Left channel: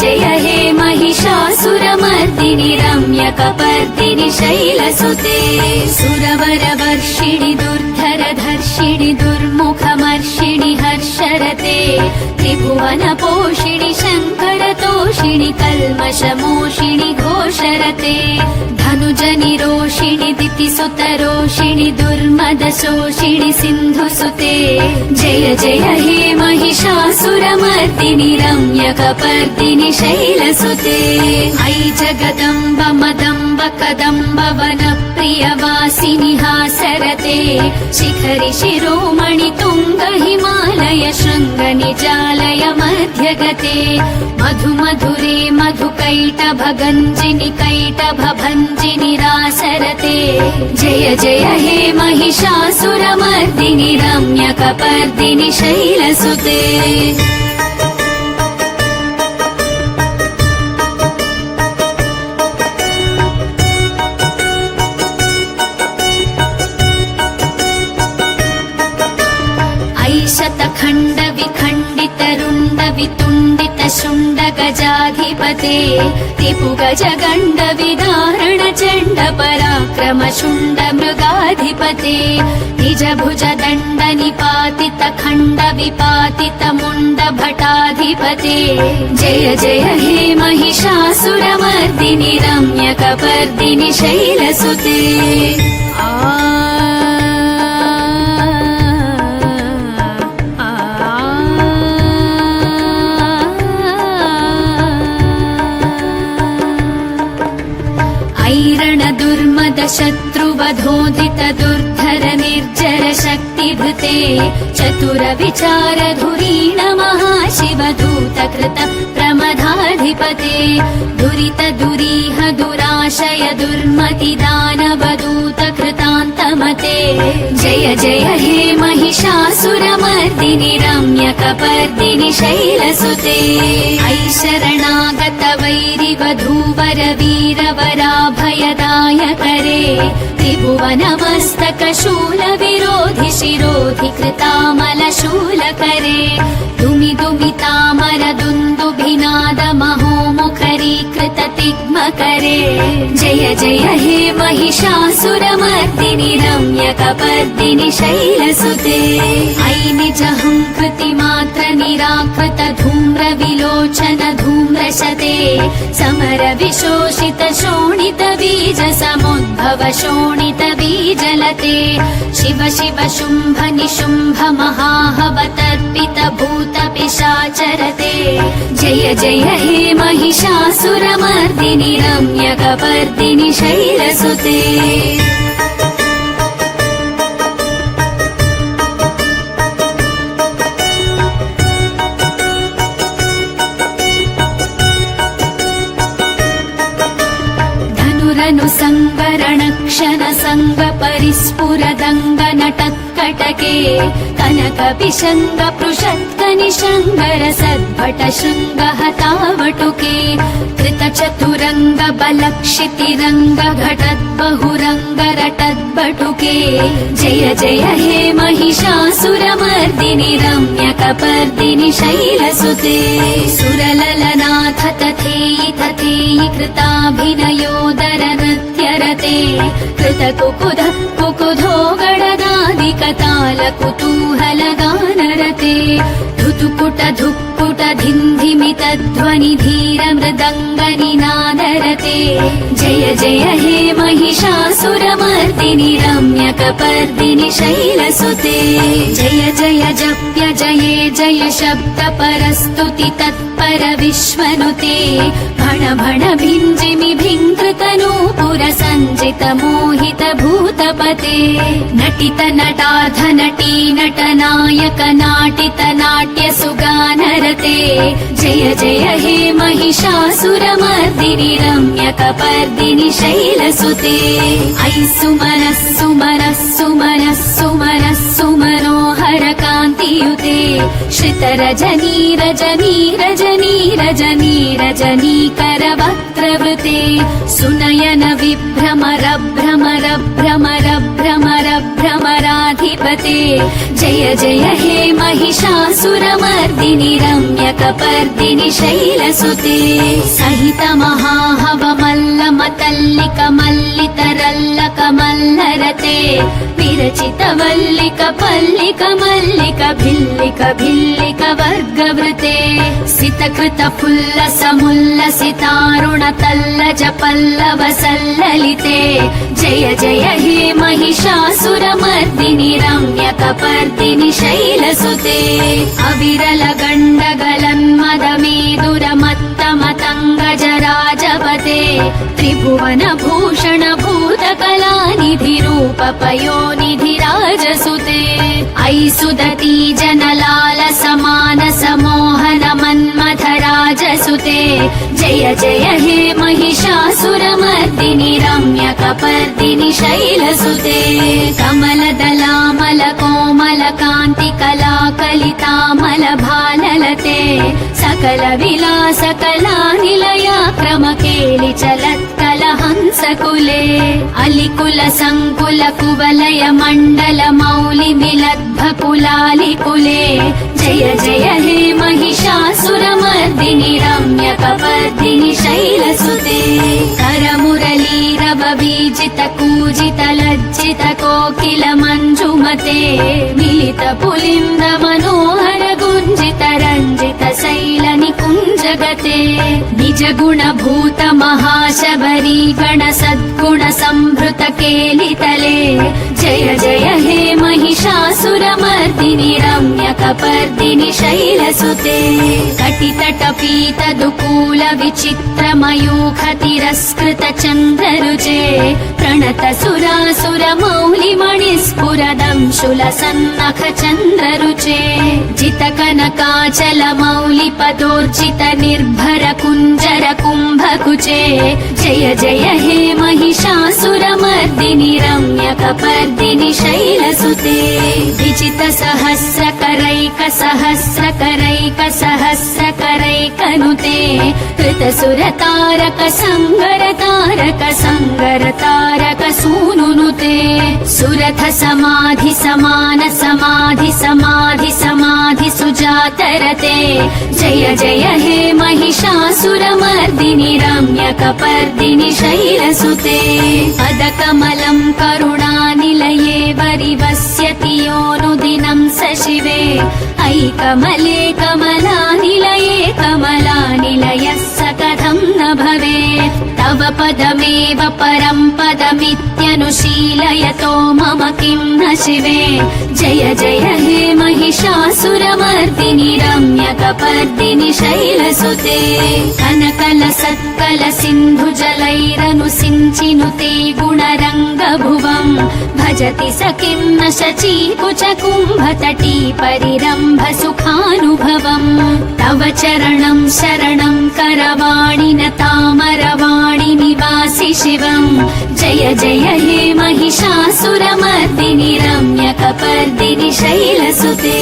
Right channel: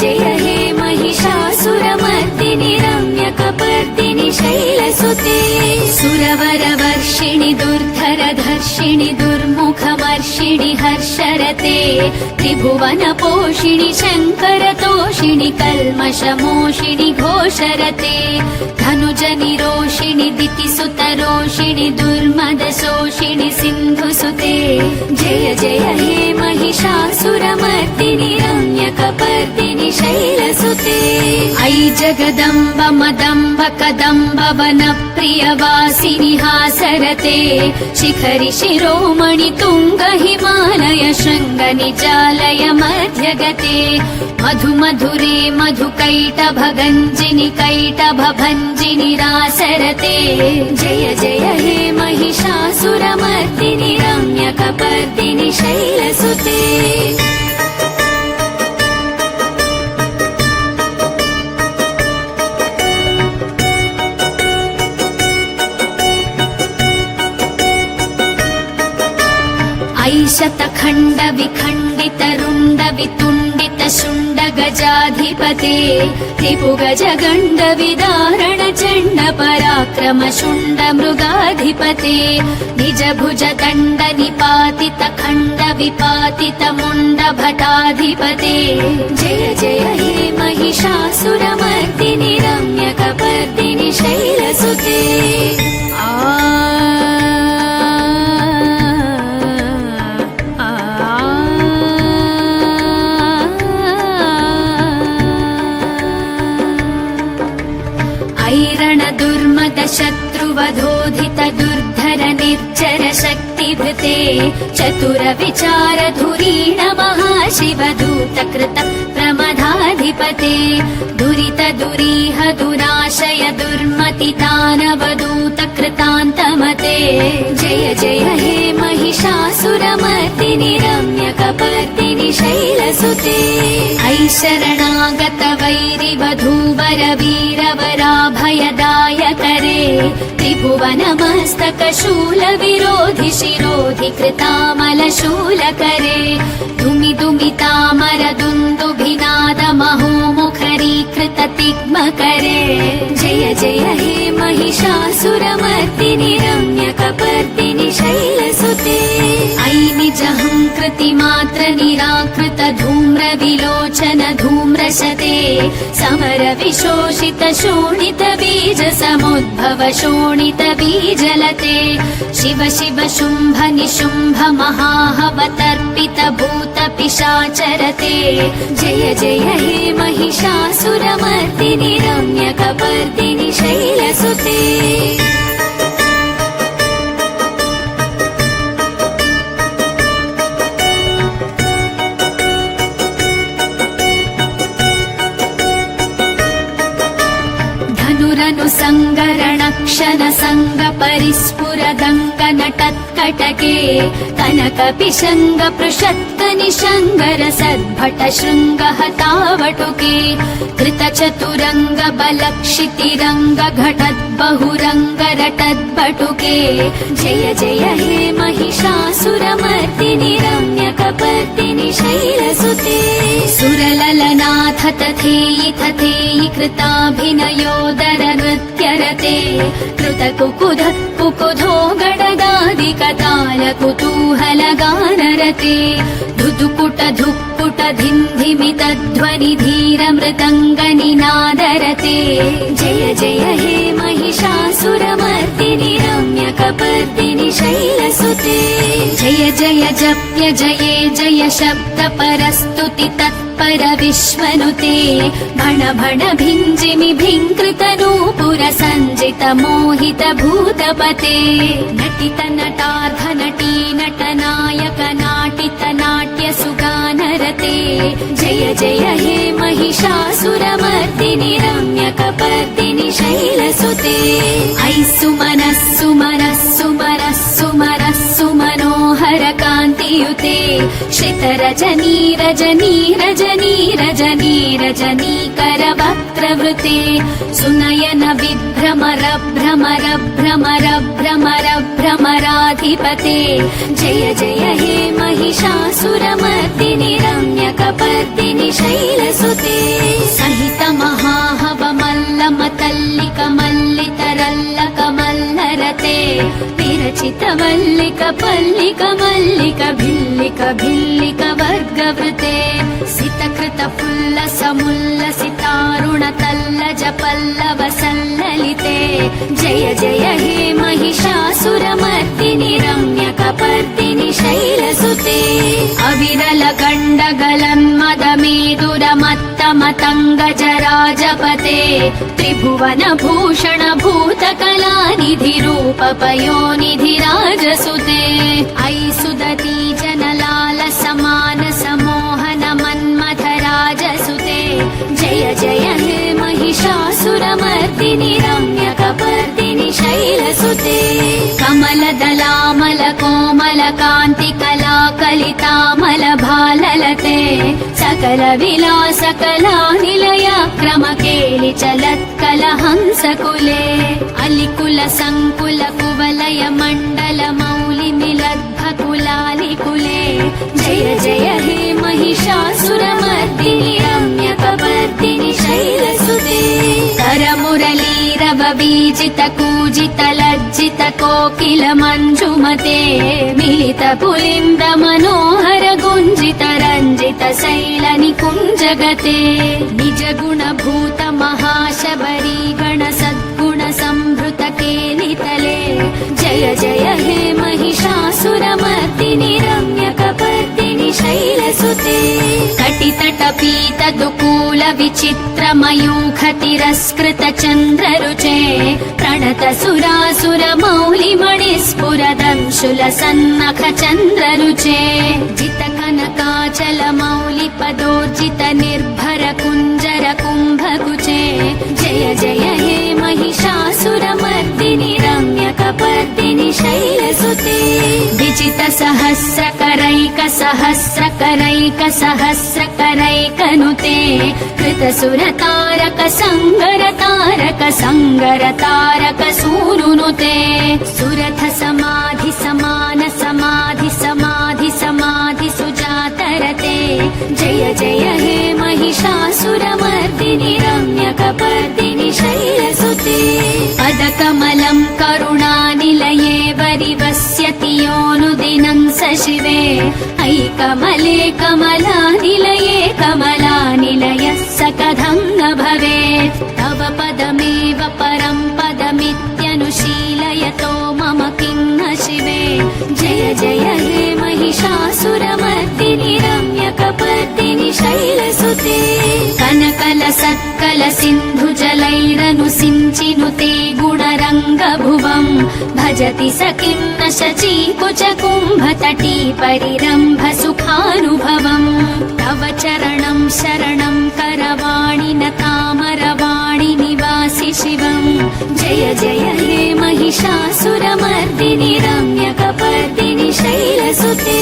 जय हे महिषासुरमर्दिनि रम्यकपर्दिनि शैलसुते सुरवरवर्षिणि दुर्धरधर्षिणि दुर्मुखमर्षिणि हर्षरते त्रिभुवनपोषिणि शङ्करतोषिणि कल्मषमोषिणि घोषरते धनुजनिरोषिणि दितिसुतरोषिणि दुर्मदशोषिणि सिन्धुसुते जय जय हे महिषासुरमर्दिनि रम्यकपर्दिनि शैलसुते ऐ जगदम्ब मदम्ब कदम्ब वनप्रियवासिनि हासरते शिखरि शिरोमणि तुङ्ग हिमालय शृङ्ग निजालय मध्यगते मधु मधुरे मधुकैटभगञ्जिनि कैटभभञ्जिनि रासरते जय जय हे महिषासुरमर्दिनि रम्यकपर्दिनि शैलसुते शतखण्ड विखण्डित रुण्ड वितुण्डित शुण्ड गजाधिपते रिपुगज गण्ड विदारण चण्ड पराक्रम शुण्ड मृगाधिपते निज भुज दण्ड निपातित खण्ड विपातित मुण्ड भटाधिपते जय जय हे महिषासुरमर्दिनि रम्यकपर्दिनि शैलसुते शत्रुवधोधित दुर्धर निर्जर शक्तिभृते चतुर विचार धुरीण महाशिवदूत कृत प्रमदाधिपते दुरित दुरीह दुराशय दुर्मति दानवदूत कृतान्तमते जय जय हे महिषासुरमर्दिनि रम्यकपर्दिनि शैलसुते ऐ शरणागत वैरिवधूवर वीरवराभयदायकरे त्रिभुवनमस्तक शूल विरोधि शिरोधि कृतामल शूलकरे दुमि दुमितामर दुन्दुभिनाद महोमुखरीकृत तिग्मकरे जय जय हे महिषासुरमर्दिनि रम्यकपर्दिनि शैलसुते ऐ निजहङ्कृति मात्र निराकृत धूम्र विलोचन धूम्रशते समर विशोषित शोणित बीज समुद्भव शोणित बीजलते शिव शिव शुम्भ निशुम्भ महाहवतर्पित भूत पिशाचरते जय जय हे महिषासुरमर्दिनि रम्यकपर्दिनि शैलसुते सङ्गरणक्षण सङ्ग परिस्फुरदङ्ग नटत्कटके कनक पिशङ्ग पृषत्क निशङ्गर सद्भट शृङ्ग हतावटुके कृत चतुरङ्ग बलक्षितिरङ्ग घटत् बहुरङ्ग रटद्बटुके जय जय हे महिषासुरमर्दिनि रम्यकपर्दिनि शैलसुते सुरललनाथ तथेयि तथेयि कृताभिनयोदर नृत्यरते कृत कुकुध कुकुधो गणदादिकताल कुतूहल गानरते धुतुकुट धुक्कुट धिन्धिमित ध्वनि धीर मृदङ्ग निनादरते जय जय हे महिषासुरमर्दिनि रम्यकपर्दिनि शैलसुते जय जय जप्य जये जय शब्द परस्तुति तत्पर विश्वनुते भण भण भिञ्जिमि भिङ्कृत नूपुर सञ्जित मोहित भूतपते नटित नटाध नटी नटनायक नाटित नाट्य सुगानरते जय जय हे महिषासुरमर्दिनि रम्यकपर्दिनि शैलसुते ऐ सुमनः सुमनः सुमनः सुमनः सुमनोहर कान्तियुते श्रितरजनी रजनी रजनी रजनी रजनीकर वक्त्रवृते सुनयन विभ्रमर भ्रमर भ्रमर भ्रमर भ्रमराध महिषासुरमर्दिनीरम्यकपर्दिनिशैलसुते जय जय हे महिषासुरमर्दिनि रम्यकपर्दिनि शैलसुते सहित महाहवमल्लमतल्लिकमल्लितरल्लकमल्लरते विरचितवल्लिकपल्लिक मल्लिक भिल्लिक भिल्लिक वर्गवृते सितकृतफुल्लसमुल्लसितारुणतल्लज पल्लवसल्ललिते जय जय हे महिषासुरमर्दिनि रम्यकपर्दिनि शैलसुते अविरलगण्डगलन्मदमेदुरमत्तमतङ्गजराजवते त्रिभुवनभूषण भूतकलानिधिरूपपयोनिधिराजसुते अयि सुदती जनलाल समान समोहन मन्मथराजसुते जय जय हे महिषासुरमर्दिनि रम्यकपर्दिनि शैलसुते कमलदलामल कोमल कान्ति कलाकलितामल भाललते सकल विलास कला निलया क्रम केलि चलत्कल हंसकुले अलिकुल संकुल कुवलय मण्डल मौलि मिलद्भकुलालिकुले जय जय हे महिषासुरमर्दिनि रम्यकपर्दिनि शैलसुते करमुरलीरव बीजित कूजित लज्जित कोकिल मञ्जुमते मिलित पुलिन्द मनोहर गुञ्जित रञ्जित शैल निकुञ्जगते निजगुण भूत महाशबरी गण सद्गुण संभृत केलितले जय जय हे महिषासुरमर्दिनि रम्यकपर्दिनि शैलसुते कटितटपीत दुकूल विचित्र मयूख तिरस्कृत चन्द्ररुचे प्रणत सुरासुर मौलि मणिस्फुरदंशुल सन्नख चन्द्ररुचे जित कनकाचल मौलि पदोर्जित निर्भर कुञ्जर कुम्भकुचे जय जय हे महिषासुरमर्दिनि रम्यकपर्दिनि शैलसुते विजित सहस्रकरैक सहस्रकरैक सहस्रकरैकनुते कृतसुर तारक संगर तारक संगर तारक सूनुनुते सुरथ समाधि समान समाधि समाधि समाधि सुजातरते जय जय हे महिषासुरमर्दिनि रम्यकपर्दिनि शैलसुते पदकमलं करुणानिलये वरिवस्यति योऽनुदिनं स शिवे अयि कमले कमलानिलये कमलानिलयः स कथं न भवेत् तव पदमेव परं पदमित्यनुशीलयतो मम किं न शिवे जय जय हे महिषासुरमर्दिनि रम्यकपर्दिनि शैलसुते कनकल सत्कल सिन्धुजलैरनुसिञ्चिनुते गुणरङ्गभुवं भजति स किं न शचीकुच कुम्भतटी परिरम्भ सुखानुभवम् तव चरणं शरणं करवाणि न तामरवाणि निवासि शिवम् जय जय हे महिषासुरमर्दिनि रम्यकपर्दिनि शैलसुते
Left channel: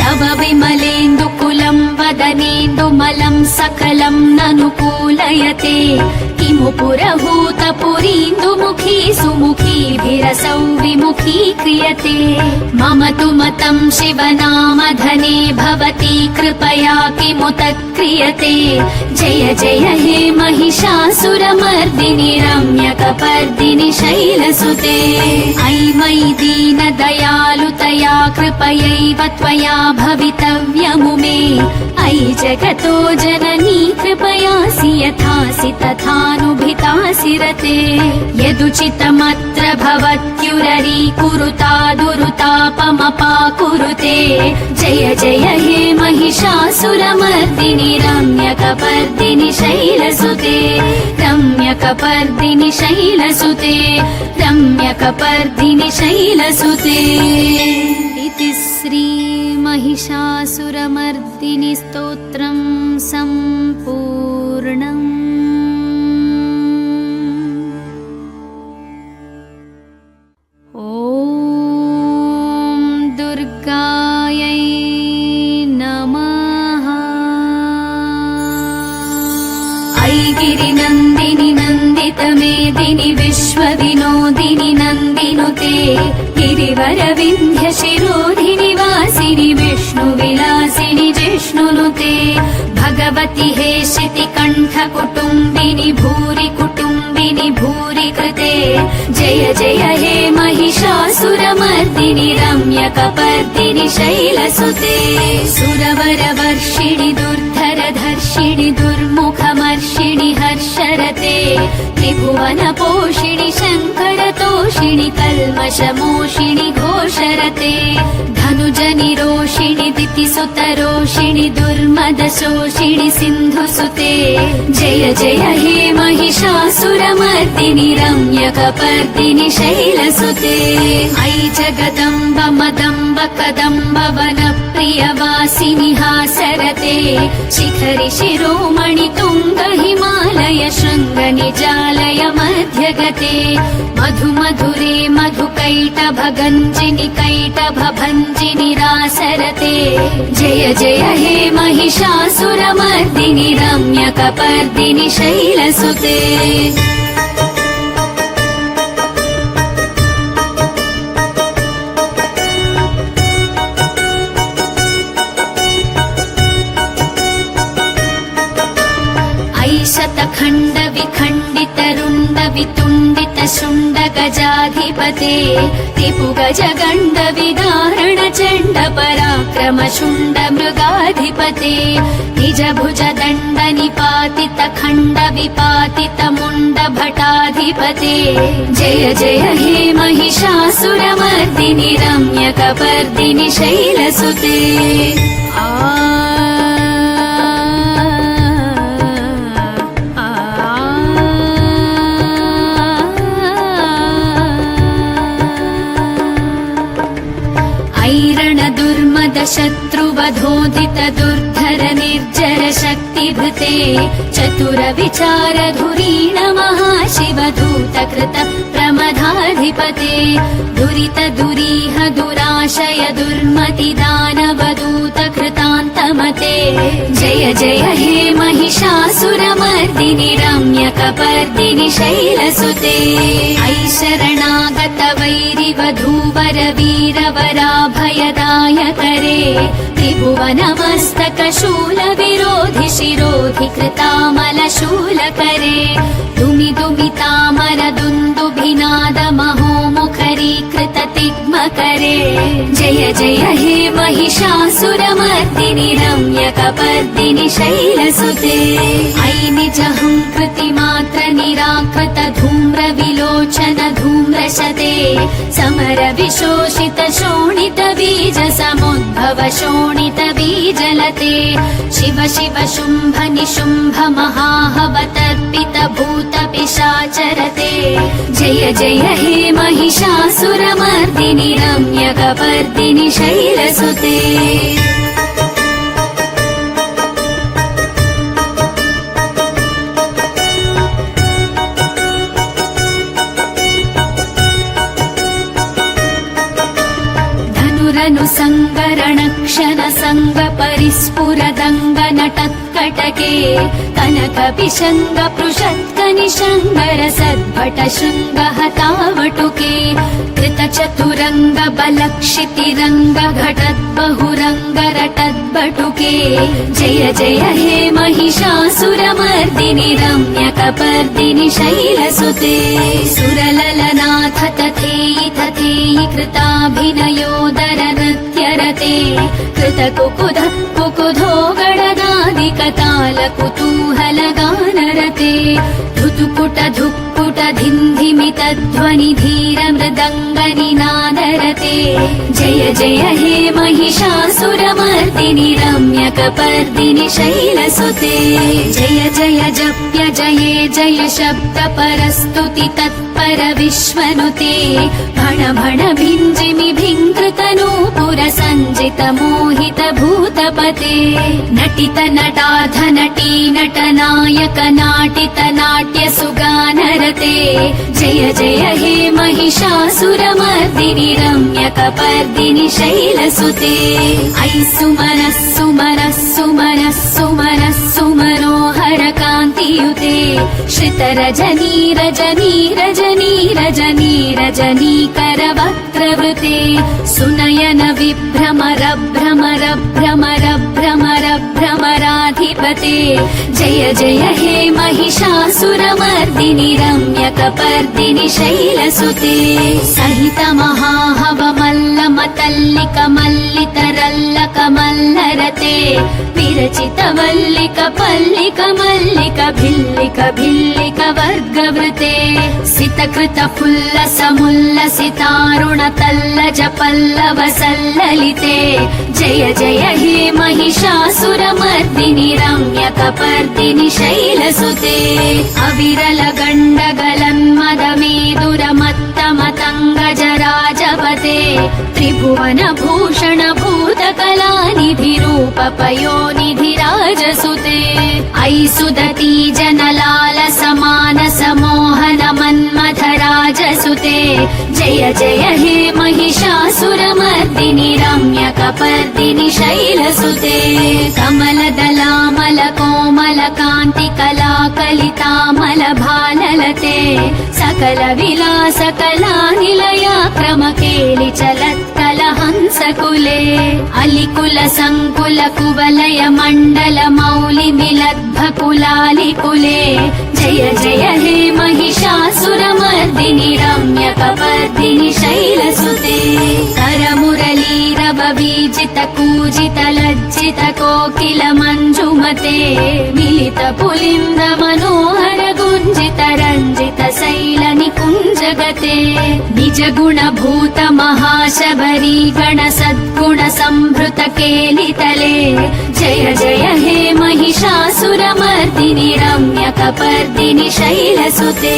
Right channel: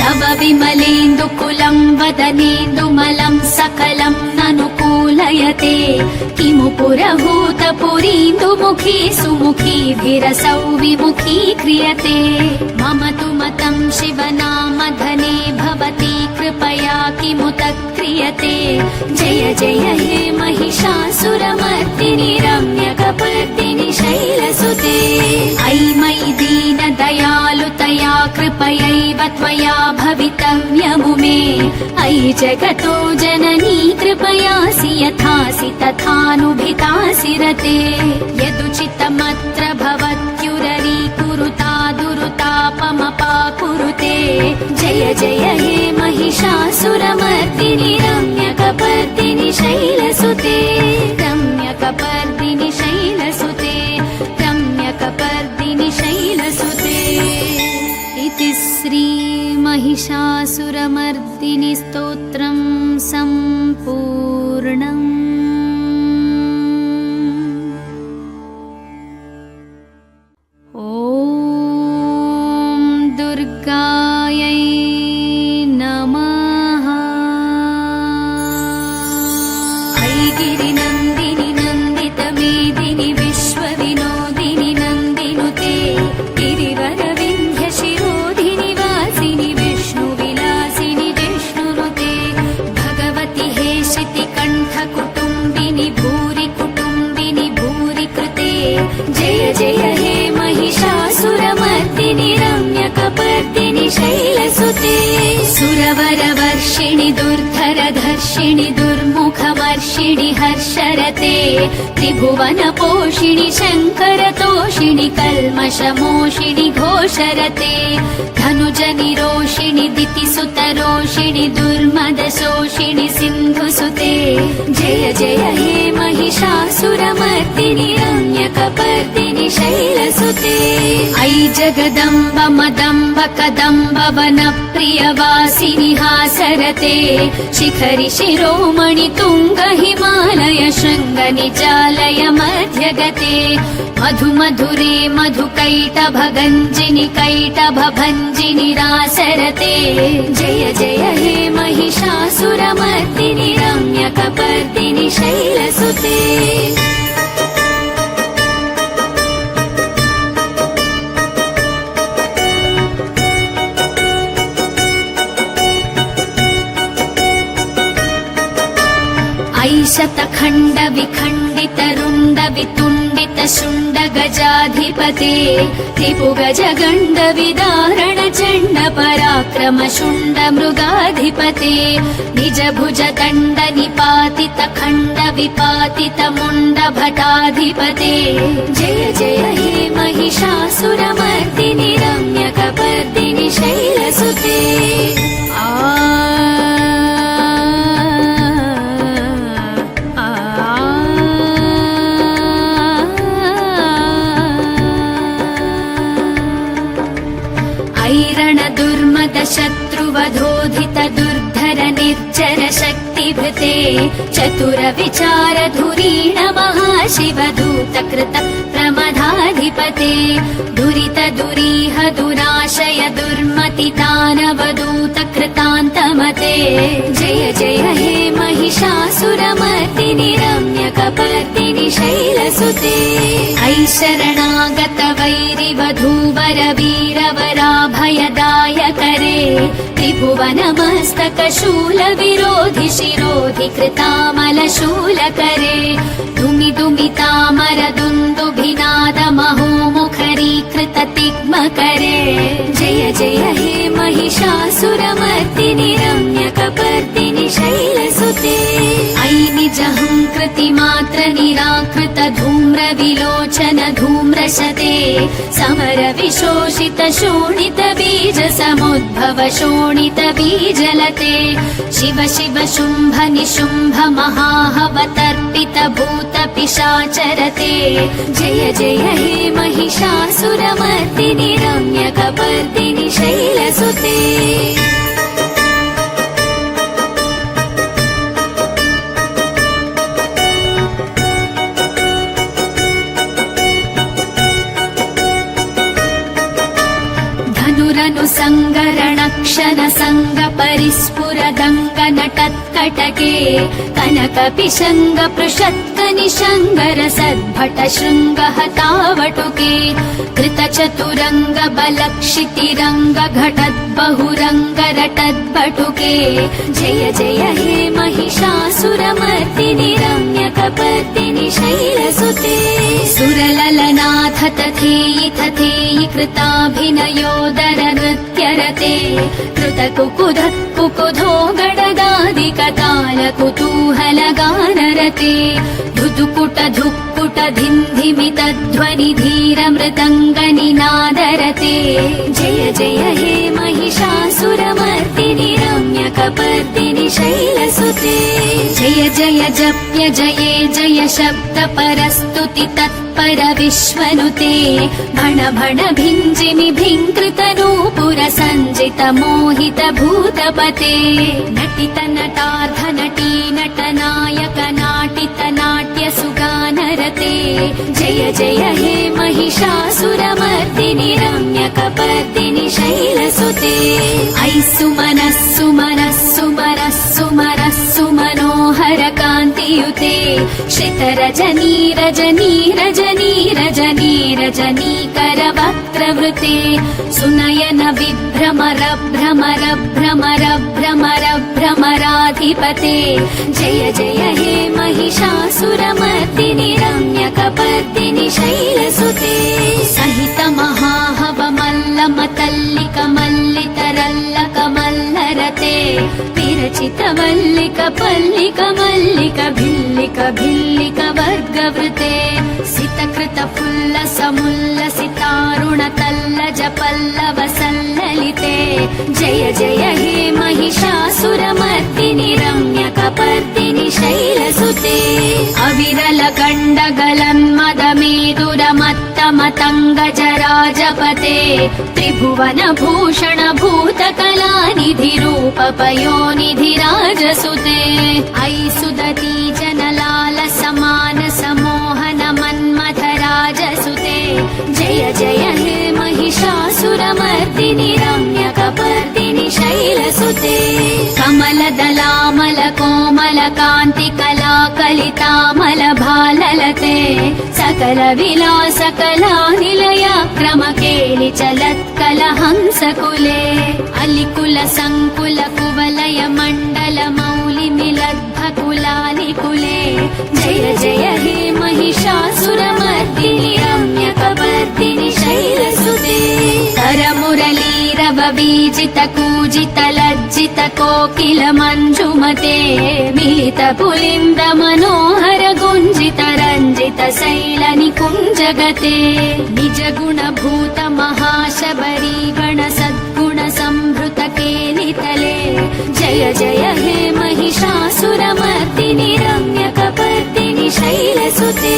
तव विमलेन्दुकुलं वदनेन्दुमलं सकलं ननुकूलयते किमु पुरभूतपुरीन्दुमुखी सुमुखीभिरसौ विमुखी क्रियते मम तु मतं शिवनामधने भवती कृपया किमु तत्क्रियते जय जय हे महिषासुरमर्दिनि रम्यकपर्दिनि शैलसुते अयि मयि दीनदयालुतया कृपयैव त्वया भवितव्यमु मे अयि जगतो जननी कृपयासि यथासि तथानुभितासि रते यदुचितमत्र भवत्युररीकुरुता दुरुतापमपाकुरुते जय जय हे महिषासुरमर्दिनि रम्यकपर्दिनि शैलसुते रम्यकपर्दिनि शैलसुते रम्यकपर्दिनि शैलसुते इति श्री महिषासुरमर्दिनि स्तोत्रं सम्पूर्णम्। ॐ दुर्गायै नमः। ऐगिरिनन्दिनि नन्दितमेदिनि विश्वविनोदिनि नन्दिनुते गिरिवरविन्ध्य जय जय हे महिषासुरमर्दिनि रम्यकपर्दिनि शैलसुते सुरवरवर्षिणि दुर्धरधर्षिणि दुर्मुखमर्षिणि हर्षरते त्रिभुवनपोषिणि शङ्करतोषिणि कल्मषमोषिणि घोषरते धनुजनिरोषिणि दितिसुतरोषिणि दुर्मदशोषिणि सिन्धुसुते जय जय हे महिषासुरमर्दिनि रम्यकपर्दिनि शैलसुते ऐ जगदम्ब मदम्ब कदम्ब वनप्रियवासिनि हासरते शिखरि शिरोमणि तुङ्ग हिमालय शृङ्ग निचालय मध्यगते मधु मधुरे मधुकैटभगञ्जिनि कैटभभञ्जिनि रासरते जय जय हे महिषासुरमर्दिनि रम्यकपर्दिनि शैलसुते शतखण्ड विखण्डित रुण्ड वितुण्डित शुण्ड गजाधिपते त्रिभुगज गण्ड विदारण चण्ड पराक्रम शुण्ड मृगाधिपते निज भुज दण्ड निपातित खण्ड विपातित मुण्ड भटाधिपते जय जय हे महिषासुरमर्दिनि रम्यकपर्दिनि शैलसुते शत्रुवधोधित दुर्धर निर्जर शक्तिभृते चतुर विचार धुरीण महाशिवदूत कृत प्रमदाधिपते दुरित दुरीह दुराशय दुर्मति दानवदूत कृतान्तमते जय जय हे महिषासुरमर्दिनि रम्यकपर्दिनि शैलसुते ऐ शरणागत वैरिवधूवर वीरवराभयदायकरे त्रिभुवनमस्तक शूल विरोधि शिरोधि कृतामल शूलकरे दुमि दुमितामर दुन्दुभिनाद महोमुखरीकृत तिग्मकरे जय जय हे महिषासुरमर्दिनि रम्यकपर्दिनि शैलसुते ऐ निजहङ्कृतिमात्र निराकृत धूम्र विलोचन धूम्रशते समर विशोषित शोणित बीज समुद्भव शोणित बीजलते शिव शिव शुम्भ निशुम्भ महाहवतर्पित भूत पिशाचरते जय जय हे महिषासुरमर्दिनि रम्यकपर्दिनि शैलसुते सङ्गरणक्षण सङ्ग परिस्फुरदङ्ग नटत्कटके कनक पिशङ्ग पृषत्क निशङ्गर सद्भट शृङ्ग हतावटुके कृत चतुरङ्ग बलक्षितिरङ्ग घटत् बहुरङ्ग रटद्बटुके जय जय हे महिषासुरमर्दिनि रम्यकपर्दिनि शैलसुते सुरललनाथ तथेयि तथेयि कृताभिनयोदर नृत्यरते कृत कुकुध कुकुधो गणदादिकताल कुतूहल गानरते धुतुकुट धुक्कुट धिन्धिमित ध्वनि धीर मृदङ्ग निनादरते जय जय हे महिषासुरमर्दिनि रम्यकपर्दिनि शैलसुते जय जय जप्य जये जय शब्द परस्तुति तत्पर विश्वनुते भण भण भिञ्जिमि भिङ्कृत नूपुर सञ्जित मोहित भूतपते नटित नटाध नटी नटनायक नाटित नाट्य सुगानरते जय जय हे महिषासुरमर्दिनि रम्यकपर्दिनि शैलसुते ऐ सुमनः सुमनः सुमनः सुमनः सुमनोहर कान्तियुते श्रितरजनी रजनी रजनी रजनी रजनीकर वक्त्रवृते सुनयन विभ्रमर भ्रमर भ्रमर भ्रमर भ्रमराधिपते जय जय हे महिषासुरमर्दिनि रम्य रम्यकपर्दिनि शैलसुते सहित महाहवमल्लमतल्लिकमल्लितरल्लकमल्लरते विरचितवल्लिक पल्लिक मल्लिक भिल्लिक भिल्लिक वर्गवृते सितकृत फुल्लसमुल्लसितारुणतल्लज पल्लव सल्ललिते जय जय हे महिषासुरमर्दिनि रम्यकपर्दिनि शैलसुते अविरल गण्डगलन्मदमेदुरमत्तमतङ्गजराजपते त्रिभुवन भूषण भूतकलानिधि रूप पयोनिधिराजसुते अयि सुदती जनलाल समान समोहन मन्मथराजसुते जय जय हे महिषासुरमर्दिनि रम्यकपर्दिनि शैलसुते कमलदलामल कोमल कान्ति कलाकलितामल भाललते सकल विलास कला निलया क्रमकेलि चलत्कलहंसकुले अलिकुल संकुल कुवलय मण्डल मौलि मिलद्भकुलालिकुले जय जय हे महिषासुरमर्दिनि रम्यकपर्दिनि शैलसुते करमुरलीरवबीजित कूजित लज्जित कोकिल मञ्जुमते मिलित पुलिन्द मनोहर गुञ्जित रञ्जित शैल निकुञ्जगते निजगुण भूत महाशबरी गण सद्गुण संभृत केलितले जय जय हे महिषासुरमर्दिनि रम्यकपर्दिनि शैलसुते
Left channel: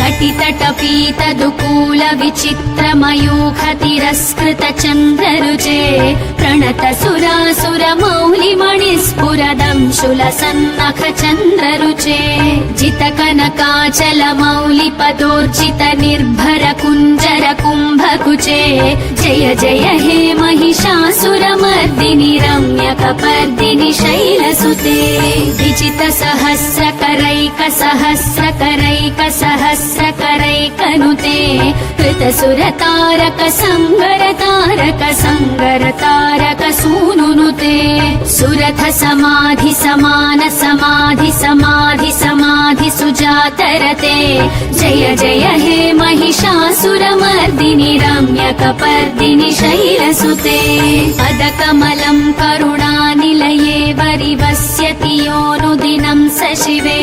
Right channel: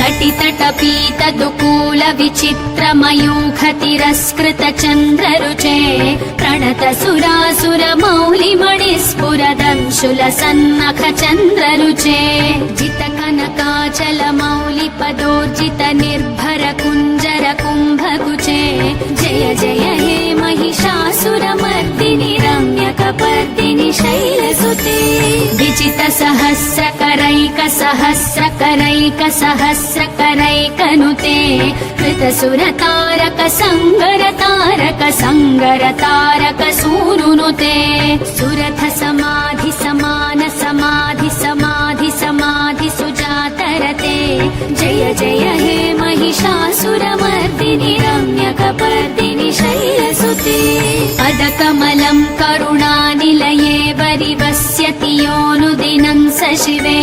कटितटपीत दुकूल विचित्र मयूख तिरस्कृत चन्द्ररुचे प्रणत सुरासुर मौलि मणिस्फुरदंशुल सन्नख चन्द्ररुचे जित कनकाचल मौलि पदोर्जित निर्भर कुञ्जर कुम्भकुचे जय जय हे महिषासुरमर्दिनि रम्यकपर्दिनि शैलसुते विजित सहस्रकरैक सहस्रकरैक सहस्रकरैकनुते कृतसुरतारक संगरतारक संगरतारक सूनुनुते सुरथ समाधि समान समाधि समाधि समाधि सुजातरते जय जय हे महिषासुरमर्दिनि रम्यकपर्दिनि शैलसुते पदकमलं करुणानिलये वरिवस्यति योऽनुदिनं स शिवे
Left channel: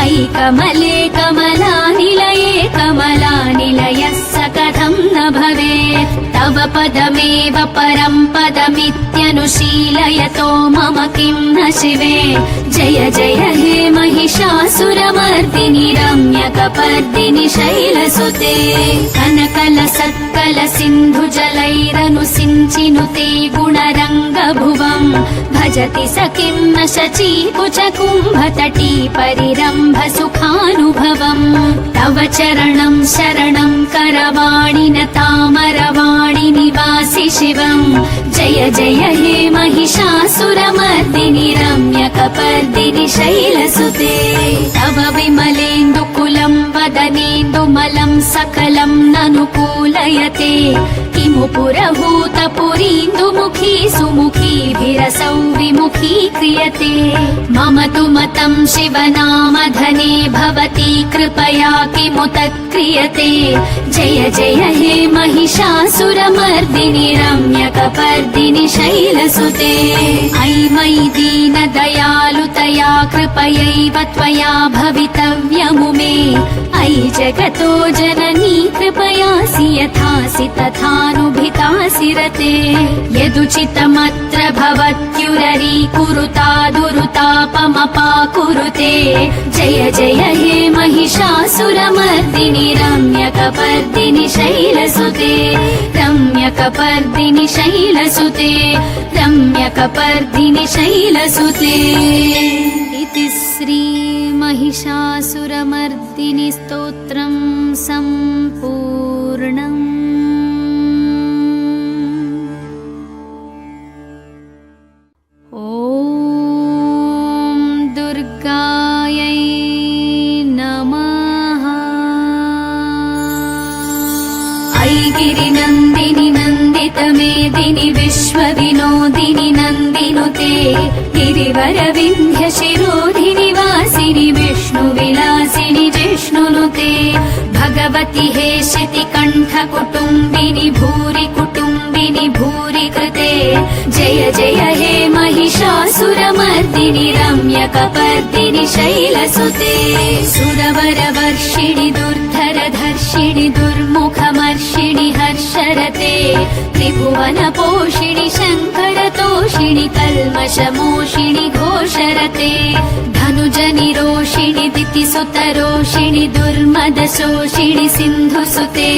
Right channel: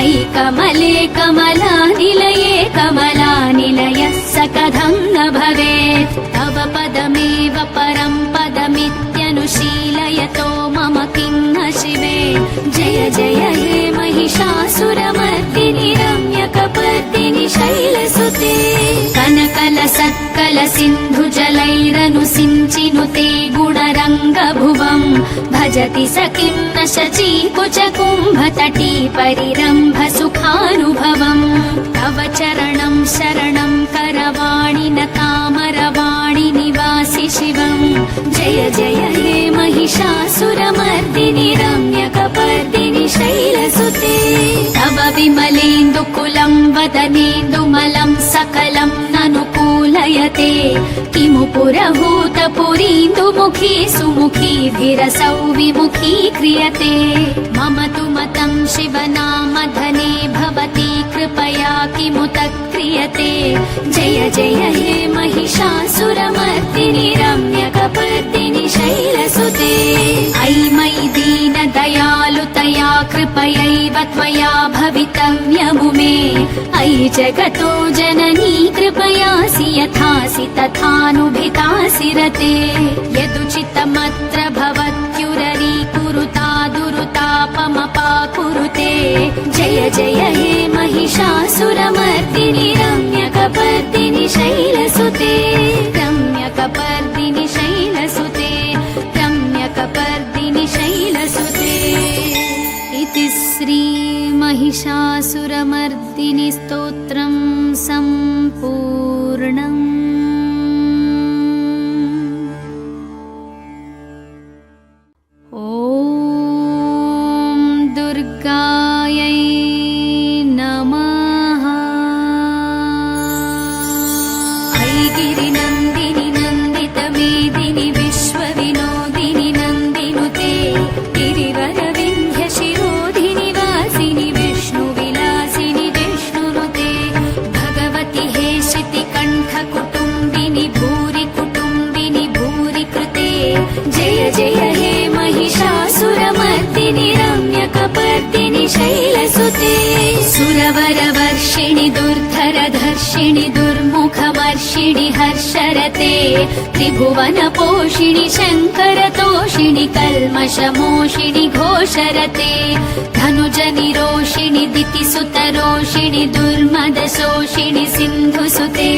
अयि कमले कमलानिलये कमलानिलयः स कथं न भवेत् तव पदमेव परं पदमित्यनुशीलयतो मम किं न शिवे जय जय हे महिषासुरमर्दिनि रम्यकपर्दिनि शैलसुते कनकल सत्कल सिन्धु जलैरनुसिञ्चिनुते गुणरङ्गभुवं भजति स किं न शची कुच कुम्भतटी परिरम्भ सुखानुभवम् तव चरणं शरणं करवाणि न तामरवाणि निवासि शिवम् जय जय हे महिषासुरमर्दिनि रम्यकपर्दिनि शैलसुते तव विमलेन्दुकुलं वदनेन्दुमलं सकलं ननुकूलयते किमु पुरभूतपुरीन्दुमुखी सुमुखीभिरसौ विमुखी क्रियते मम तु मतं शिवनामधने भवती कृपया किमु तत्क्रियते जय जय हे महिषासुरमर्दिनि रम्यकपर्दिनि शैलसुते अयि मयि दीनदयालुतया कृपयैव त्वया भवितव्यमुमे अयि जगतो जननी कृपयासि यथासि तथानुभितासि रते यदुचितमत्र भवत्युररीकुरुता दुरुतापमपाकुरुते जय जय हे महिषासुरमर्दिनि रम्यकपर्दिनि शैलसुते रम्यकपर्दिनि शैलसुते रम्यकपर्दिनि शैलसुते इति श्री महिषासुरमर्दिनि स्तोत्रं सम्पूर्णम्। ॐ दुर्गायै नमः। ऐगिरिनन्दिनि नन्दितमेदिनि विश्वविनोदिनि नन्दिनुते गिरिवरविन्ध्यशिरोधिनि वासिनि विष्णुविलासिनि जिष्णुनुते पार्वती हेशिति कण्ठ कुटुम्बिनि भूरि कुटुम्बिनि भूरि कृते जय जय हे महिषासुरमर्दिनि रम्यकपर्दिनि शैलसुते सुरवरवर्षिणि दुर्धरधर्षिणि दुर्मुखमर्षिणि हर्षरते त्रिभुवनपोषिणि शङ्करतोषिणि कल्मषमोषिणि घोषरते धनुजनिरोषिणि दितिसुतरोषिणि दुर्मदशोषिणि सिन्धुसुते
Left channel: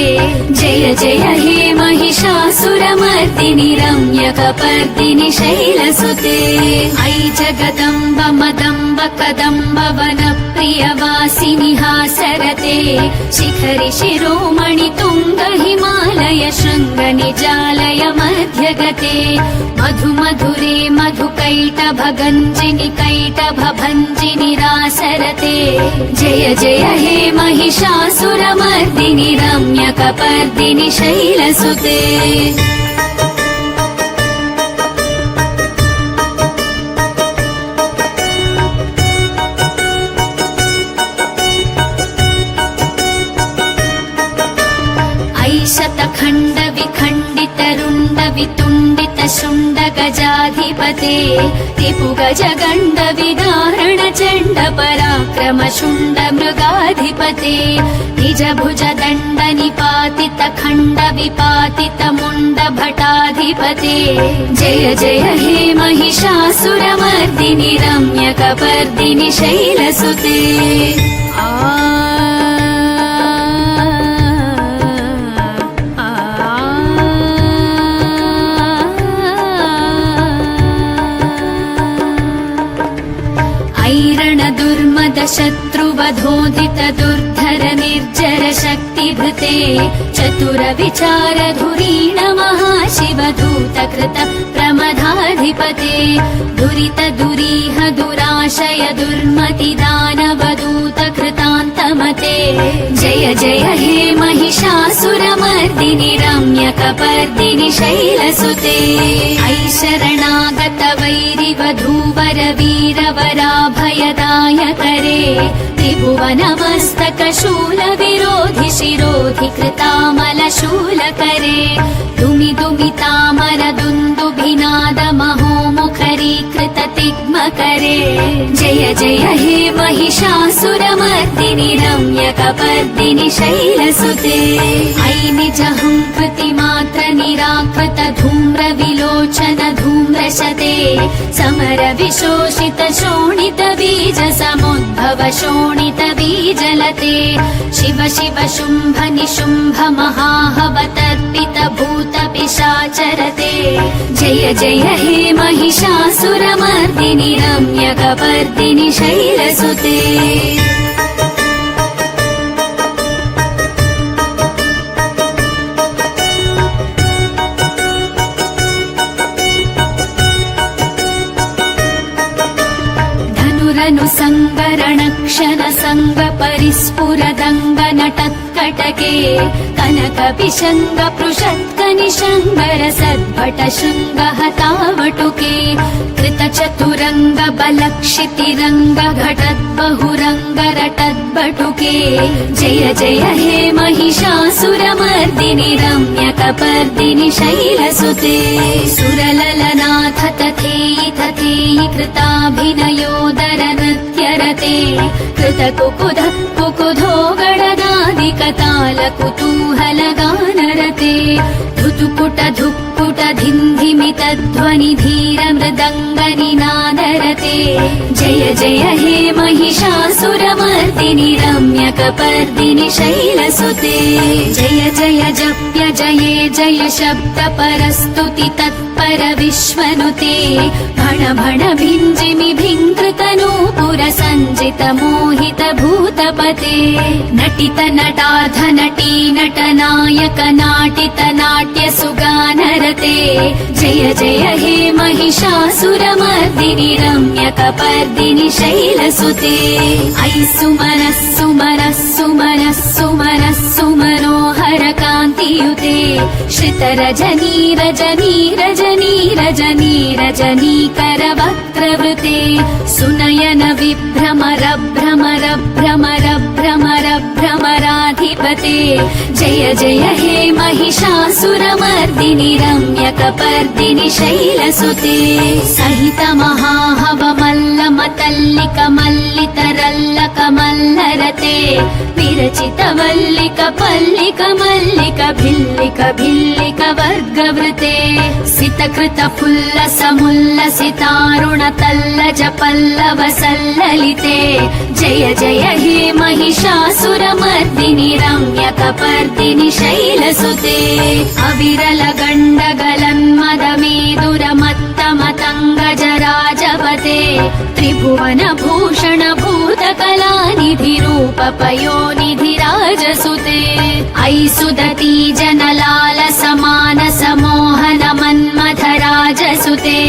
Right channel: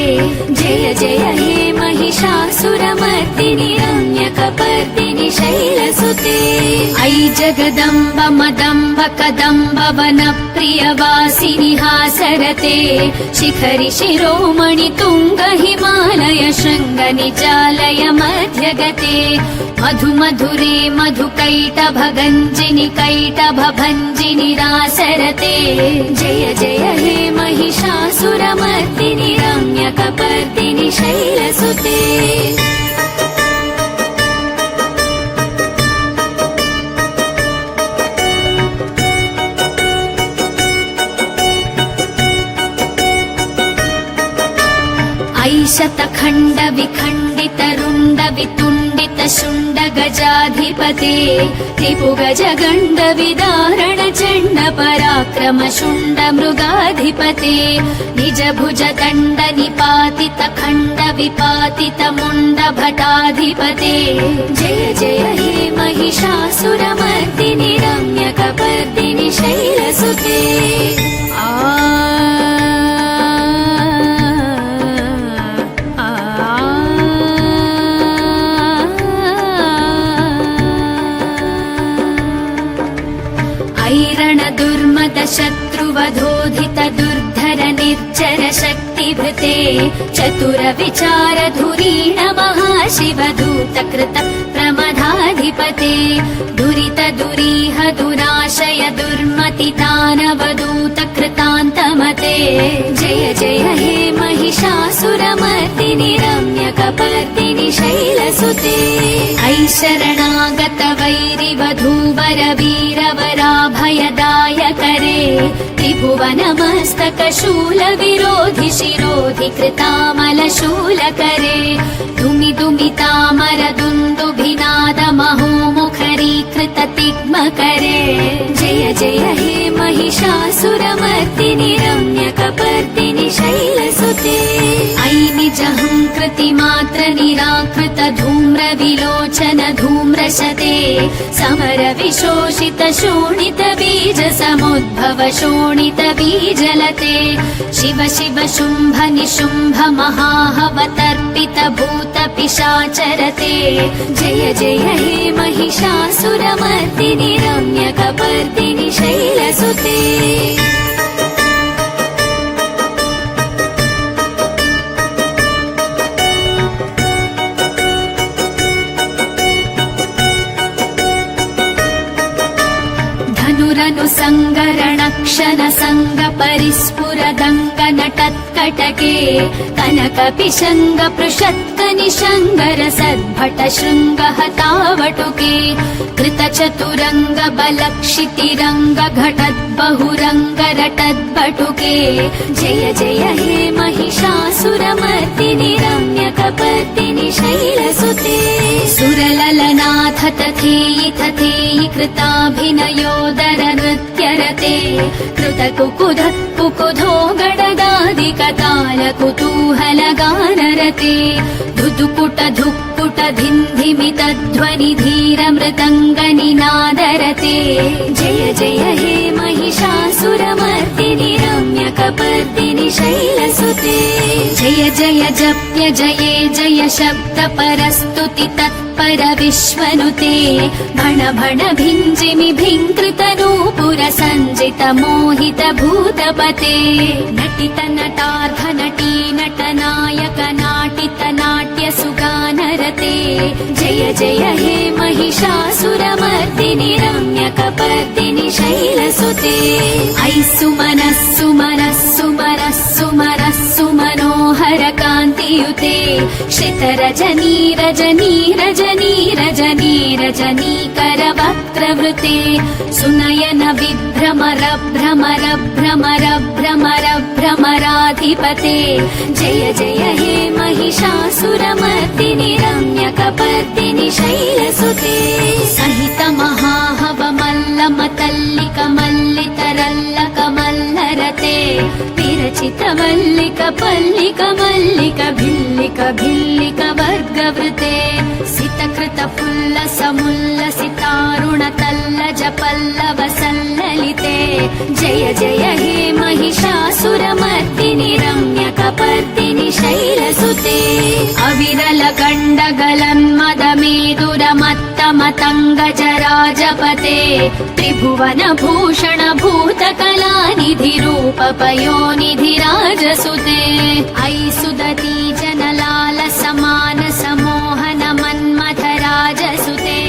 जय जय हे महिषासुरमर्दिनि रम्यकपर्दिनि शैलसुते ऐ जगदम्ब मदम्ब कदम्ब वनप्रियवासिनि हासरते शिखरि शिरोमणि तुङ्ग हिमालय शृङ्ग निचालय मध्यगते मधु मधुरे मधुकैटभगञ्जिनि कैटभभञ्जिनि रासरते जय जय हे महिषासुरमर्दिनि रम्यकपर्दिनि शैलसुते शतखण्ड विखण्डित रुण्ड वितुण्डित शुण्ड गजाधिपते त्रिभुगज गण्ड विदारण चण्ड पराक्रम शुण्ड मृगाधिपते निज भुज दण्ड निपातित खण्ड विपातित मुण्ड भटाधिपते जय जय हे महिषासुरमर्दिनि रम्यकपर्दिनि शैलसुते शत्रुवधोधित दुर्धर निर्जर शक्तिभृते चतुर विचार धुरीण महाशिवदूत कृत प्रमदाधिपते दुरित दुरीह दुराशय दुर्मति दानवदूत कृतान्तमते जय जय हे महिषासुरमर्दिनि रम्यकपर्दिनि शैलसुते ऐ शरणागत वैरिवधूवर वीरवराभयदायकरे त्रिभुवनमस्तक शूल विरोधि शिरोधि कृतामल शूलकरे दुमि दुमितामर दुन्दुभिनाद महोमुखरी कृत तिग्मकरे जय जय हे महिषासुरमर्दिनि रम्यकपर्दिनि शैलसुते ऐ निजहङ्कृति मात्र निराकृत धूम्र विलोचन धूम्रशते समर विशोषित शोणित बीज समुद्भव शोणित बीजलते शिव शिव शुम्भ निशुम्भ महाहवतर्पित भूत पिशाचरते जय जय हे महिषासुरमर्दिनि रम्यकपर्दिनि शैलसुते सङ्गरणक्षण सङ्ग परिस्फुरदङ्ग नटत्कटके कनक पिशङ्ग पृषत्क निशङ्गर सद्भट शृङ्ग हतावटुके कृत चतुरङ्ग बलक्षितिरङ्ग घटत् बहुरङ्ग रटद्बटुके जय जय हे महिषासुरमर्दिनि रम्यकपर्दिनि शैलसुते सुरललनाथ तथेयि तथेयि कृताभिनयोदर नृत्यरते कृत कुकुध कुकुधो गणदादिकताल कुतूहल गानरते धुतुकुट धुक्कुट धिन्धिमित ध्वनि धीर मृदङ्ग निनादरते जय जय हे महिषासुरमर्दिनि रम्यकपर्दिनि शैलसुते जय जय जप्य जये जय शब्द परस्तुति तत्पर विश्वनुते भण भण भिञ्जिमि भिङ्कृत नूपुर सञ्जित मोहित भूतपते नटित नटाध नटी नटनायक नाटित नाट्य सुगानरते जय जय हे महिषासुरमर्दिनि रम्यकपर्दिनि शैलसुते ऐ सुमनः सुमनः सुमनः सुमनः सुमनोहर कान्तियुते श्रितरजनी रजनी रजनी रजनी रजनीकर वक्त्रवृते सुनयन विभ्रमर भ्रमर भ्रमर भ्रमर भ्रमराधि श्रीपते जय जय हे महिषासुरमर्दिनि रम्यकपर्दिनि शैलसुते सहित महाहवमल्लमतल्लिक मल्लितरल्लक मल्लरते विरचित वल्लिक पल्लिक मल्लिक भिल्लिक भिल्लिक वर्गवृते सितकृत फुल्लसमुल्लसितारुण तल्लज पल्लव सल्ललिते जय जय हे महिषासुरमर्दिनि रम्यकपर्दिनि शैलसुते अविरल गण्डगलन्मदमेदुरमत्तमतङ्गजराजपते त्रिभुवन भूषण भूतकलानिधि रूप पयोनिधिराजसुते अयि सुदती जनलाल समान समोहन मन्मथराजसुते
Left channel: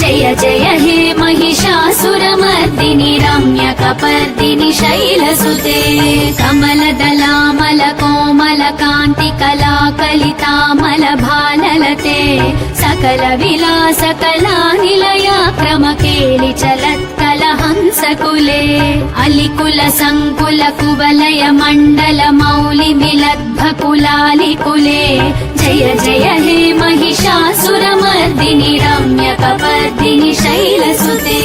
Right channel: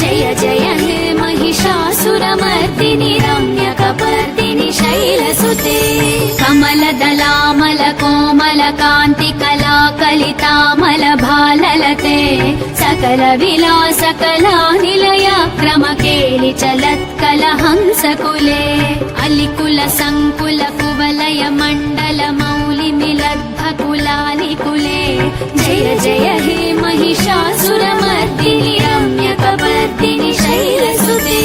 जय जय हे महिषासुरमर्दिनि रम्यकपर्दिनि शैलसुते कमलदलामल कोमल कान्ति कला कलितामल भाललते सकल विलास कला निलया क्रम केलि चलत्कल हंसकुले अलिकुल संकुल कुवलय मण्डल मौलि मिलद्भकुलालिकुले जय जय हे महिषासुरमर्दिनि रम्यकपर्दिनि शैलसुते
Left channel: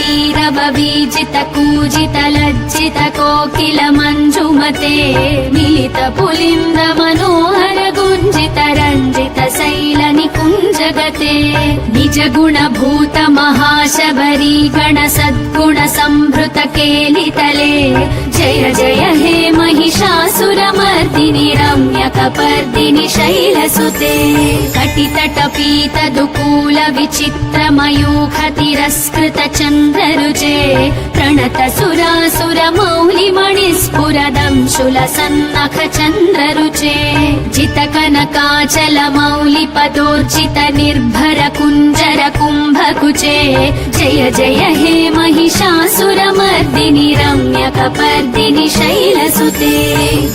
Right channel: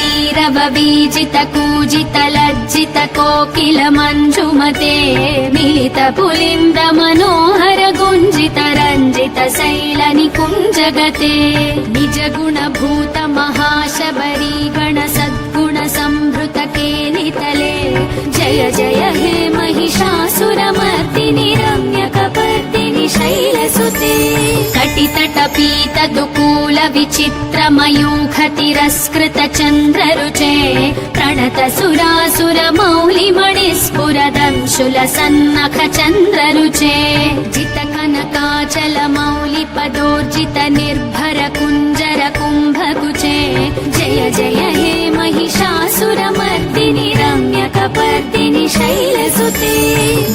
करमुरलीरववीचित कूजित लज्जित कोकिल मञ्जुमते मिलित पुलिन्द मनोहर गुञ्जित रञ्जित शैल निकुञ्जगते निज गुण भूत महाशबरी गण सद्गुण संभृत केलितले जय जय हे महिषासुरमर्दिनि रम्यकपर्दिनि शैलसुते कटितट पीत दुकूल विचित्र मयूख तिरस्कृत चन्द्ररुचे प्रणत सुरासुर मौलि मणिस्फुरदंशुल सन्नख चन्द्ररुचे जित कनकाचल मौलि पदोर्जित निर्भर कुञ्जर कुम्भकुचे जय जय हे महिषासुरमर्दिनि रम्यकपर्दिनि शैलसुते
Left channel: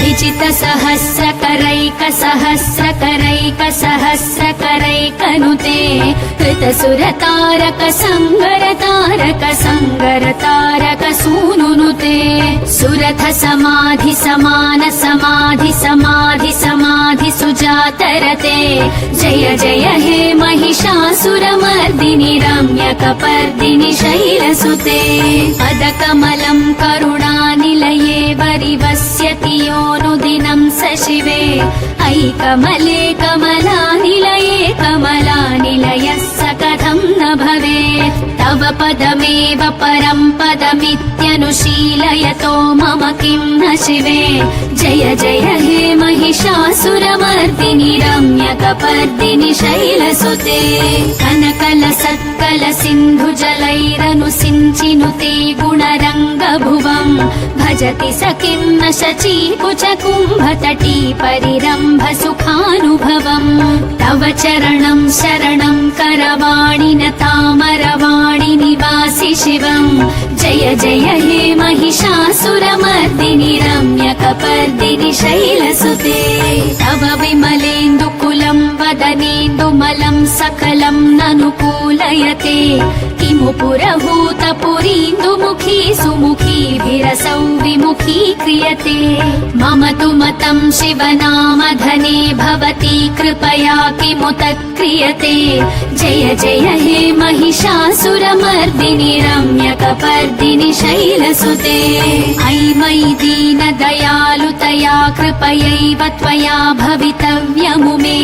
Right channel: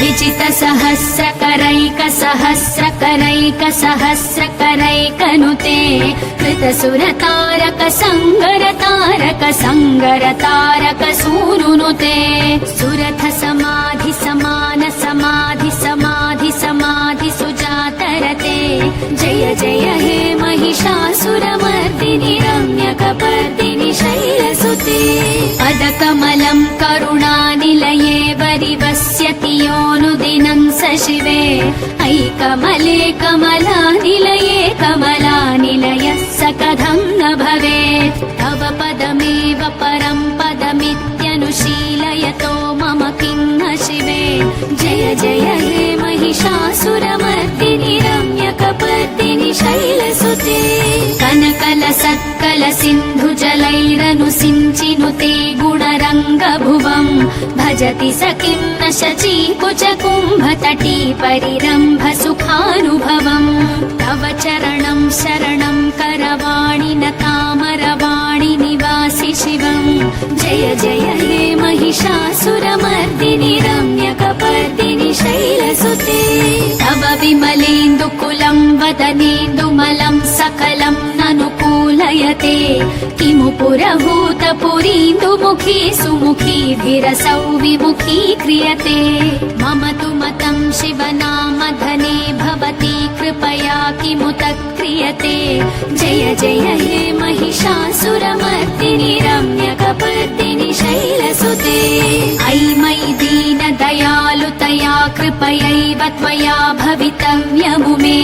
विजित सहस्रकरैक सहस्रकरैक सहस्रकरैकनुते कृत सुरतारक संगरतारक संगरतारक सूनुनुते सुरथ समाधि समान समाधि समाधि समाधि सुजातरते जय जय हे महिषासुरमर्दिनि रम्यकपर्दिनि शैलसुते पदकमलं करुणानिलये वरिवस्यति योऽनुदिनं स शिवे अयि कमले कमलानिलये कमलानिलयः स कथं न भवेत् तव पदमेव परं पदमित्यनुशीलयतो मम किं न शिवे जय जय हे महिषासुरमर्दिनि रम्यकपर्दिनि शैलसुते कनकल सत्कल सिन्धु जलैरनुसिञ्चिनुते गुणरङ्गभुवं भजति स किं न शची कुच कुम्भतटी परिरम्भ सुखानुभवम् तव चरणं शरणं करवाणि न तामरवाणि निवासि शिवम् जय जय हे महिषासुरमर्दिनि रम्यकपर्दिनि शैलसुते तव विमलेन्दुकुलं वदनेन्दुमलं सकलं ननुकूलयते किमु पुरभूतपुरीन्दुमुखी सुमुखीभिरसौ विमुखी क्रियते मम तु मतं शिवनामधने भवती कृपया किमुत क्रियते जय जय हे महिषासुरमर्दिनि रम्यकपर्दिनि शैलसुते अयि मयि दीनदयालुतया कृपयैव त्वया भवितव्यमुमे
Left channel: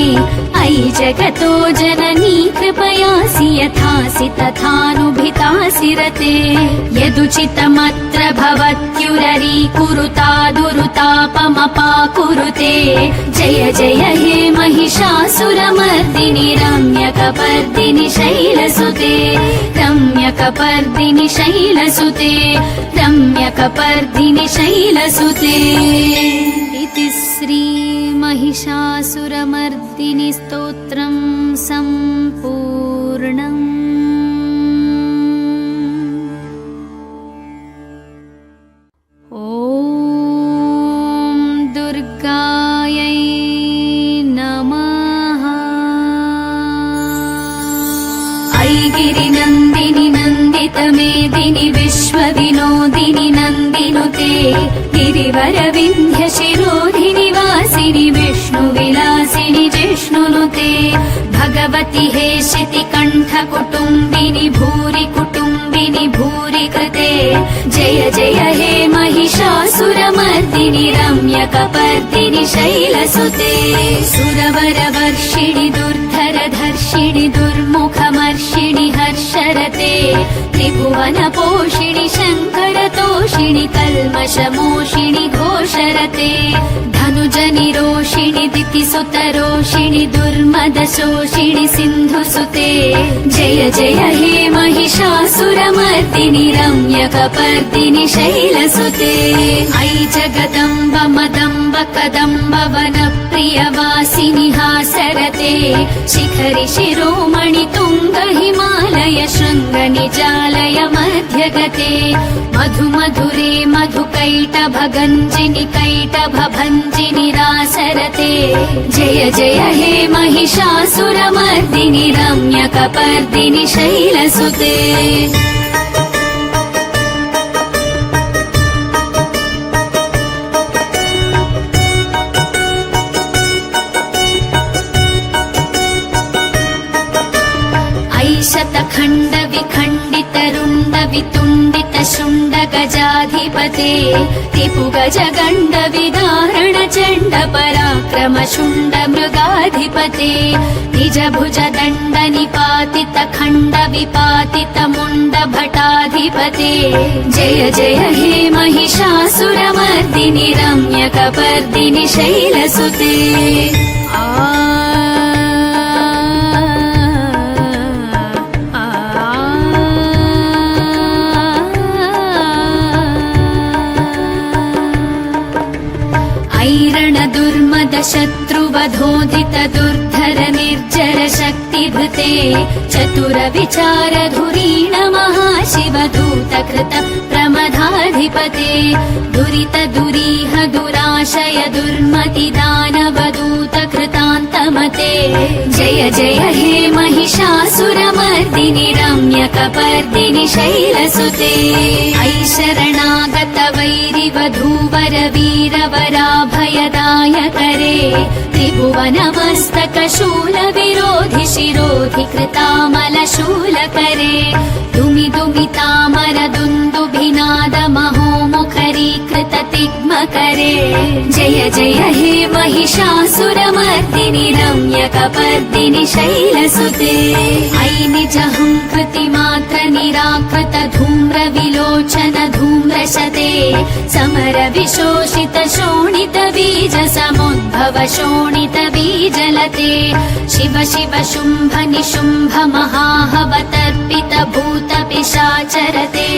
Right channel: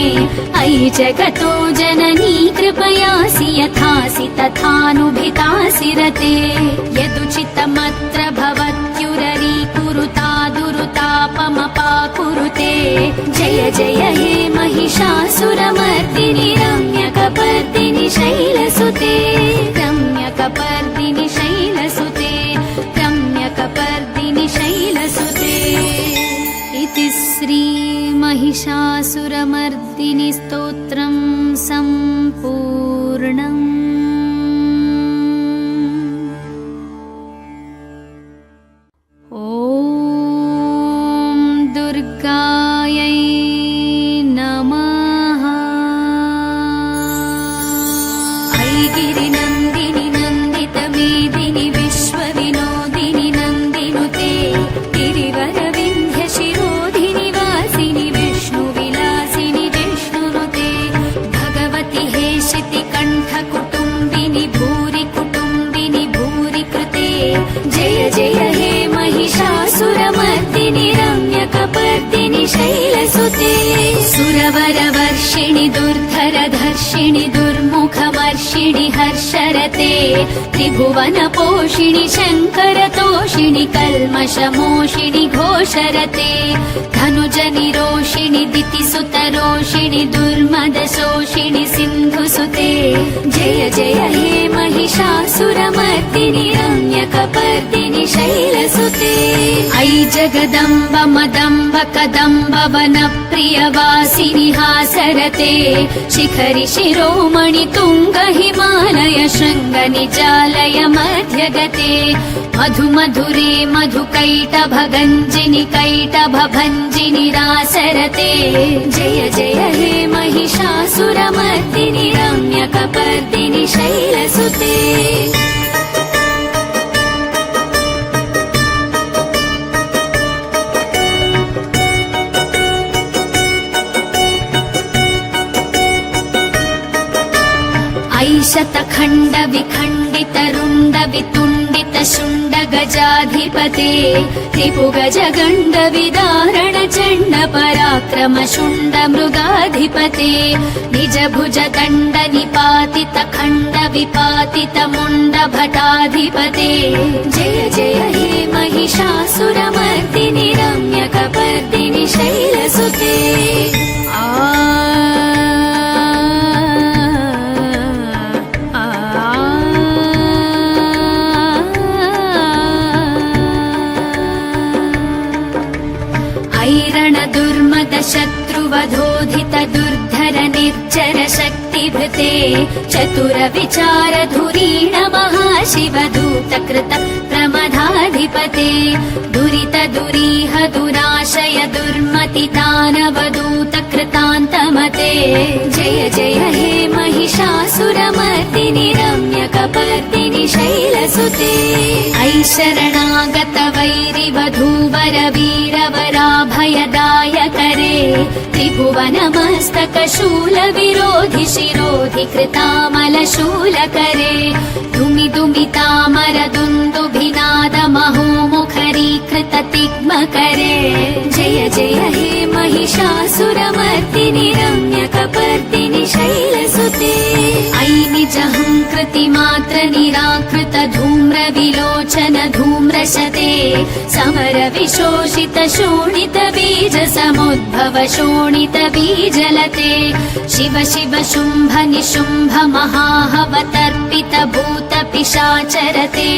अयि जगतो जननी कृपयासि यथासि तथानुभितासि रते यदुचितमत्र भवत्युररीकुरुता दुरुतापमपाकुरुते जय जय हे महिषासुरमर्दिनि रम्यकपर्दिनि शैलसुते रम्यकपर्दिनि शैलसुते रम्यकपर्दिनि शैलसुते इति श्री महिषासुरमर्दिनि स्तोत्रं सम्पूर्णम्। ॐ दुर्गायै नमः। ऐगिरिनन्दिनि नन्दितमेदिनि विश्वविनोदिनि नन्दिनुते गिरिवरविन्ध्य जयति हे शितिकण्ठ कुटुम्बिनि भूरि कुटुम्बिनि भूरि कृते जय जय हे महिषासुरमर्दिनि रम्यकपर्दिनि शैलसुते सुरवरवर्षिणि दुर्धरधर्षिणि दुर्मुखमर्षिणि हर्षरते त्रिभुवनपोषिणि शङ्करतोषिणि कल्मषमोषिणि घोषरते धनुजनिरोषिणि दितिसुतरोषिणि दुर्मदशोषिणि सिन्धुसुते जय जय हे महिषासुरमर्दिनि रम्यकपर्दिनि शैलसुते ऐ जगदम्ब मदम्ब कदम्ब वनप्रियवासिनि हासरते शिखरि शिरोमणि तुङ्ग हिमालय शृङ्ग निचालय मध्यगते मधु मधुरे मधुकैटभगञ्जिनि कैटभभञ्जिनि रासरते जय जय हे महिषासुरमर्दिनि रम्यकपर्दिनि शैलसुते शतखण्ड विखण्डित रुण्ड वितुण्डित शुण्ड गजाधिपते रिपुगज गण्ड विदारण चण्ड पराक्रम शुण्ड मृगाधिपते निज भुज दण्ड निपातित खण्ड विपातित मुण्ड भटाधिपते जय जय हे महिषासुरमर्दिनि रम्यकपर्दिनि शैलसुते शत्रुवधोधित दुर्धर निर्जर शक्तिभृते चतुर विचार धुरीण महाशिवदूत कृत प्रमदाधिपते दुरित दुरीह दुराशय दुर्मति दानवदूत कृतान्तमते जय जय हे महिषासुरमर्दिनि रम्यकपर्दिनि शैलसुते ऐ शरणागत वैरिवधूवर वीरवराभयदायकरे त्रिभुवनमस्तक शूल विरोधि शिरोधि कृतामल शूलकरे दुमि दुमितामर दुन्दुभिनाद महोमुखरीकृत तिग्मकरे जय जय हे महिषासुरमर्दिनि रम्यकपर्दिनि शैलसुते ऐ निजहङ्कृति मात्र निराकृत धूम्र विलोचन धूम्रशते समर विशोषित शोणित बीज समुद्भव शोणित बीजलते शिव शिव शुम्भ निशुम्भ महाहवतर्पित भूत पिशाचरते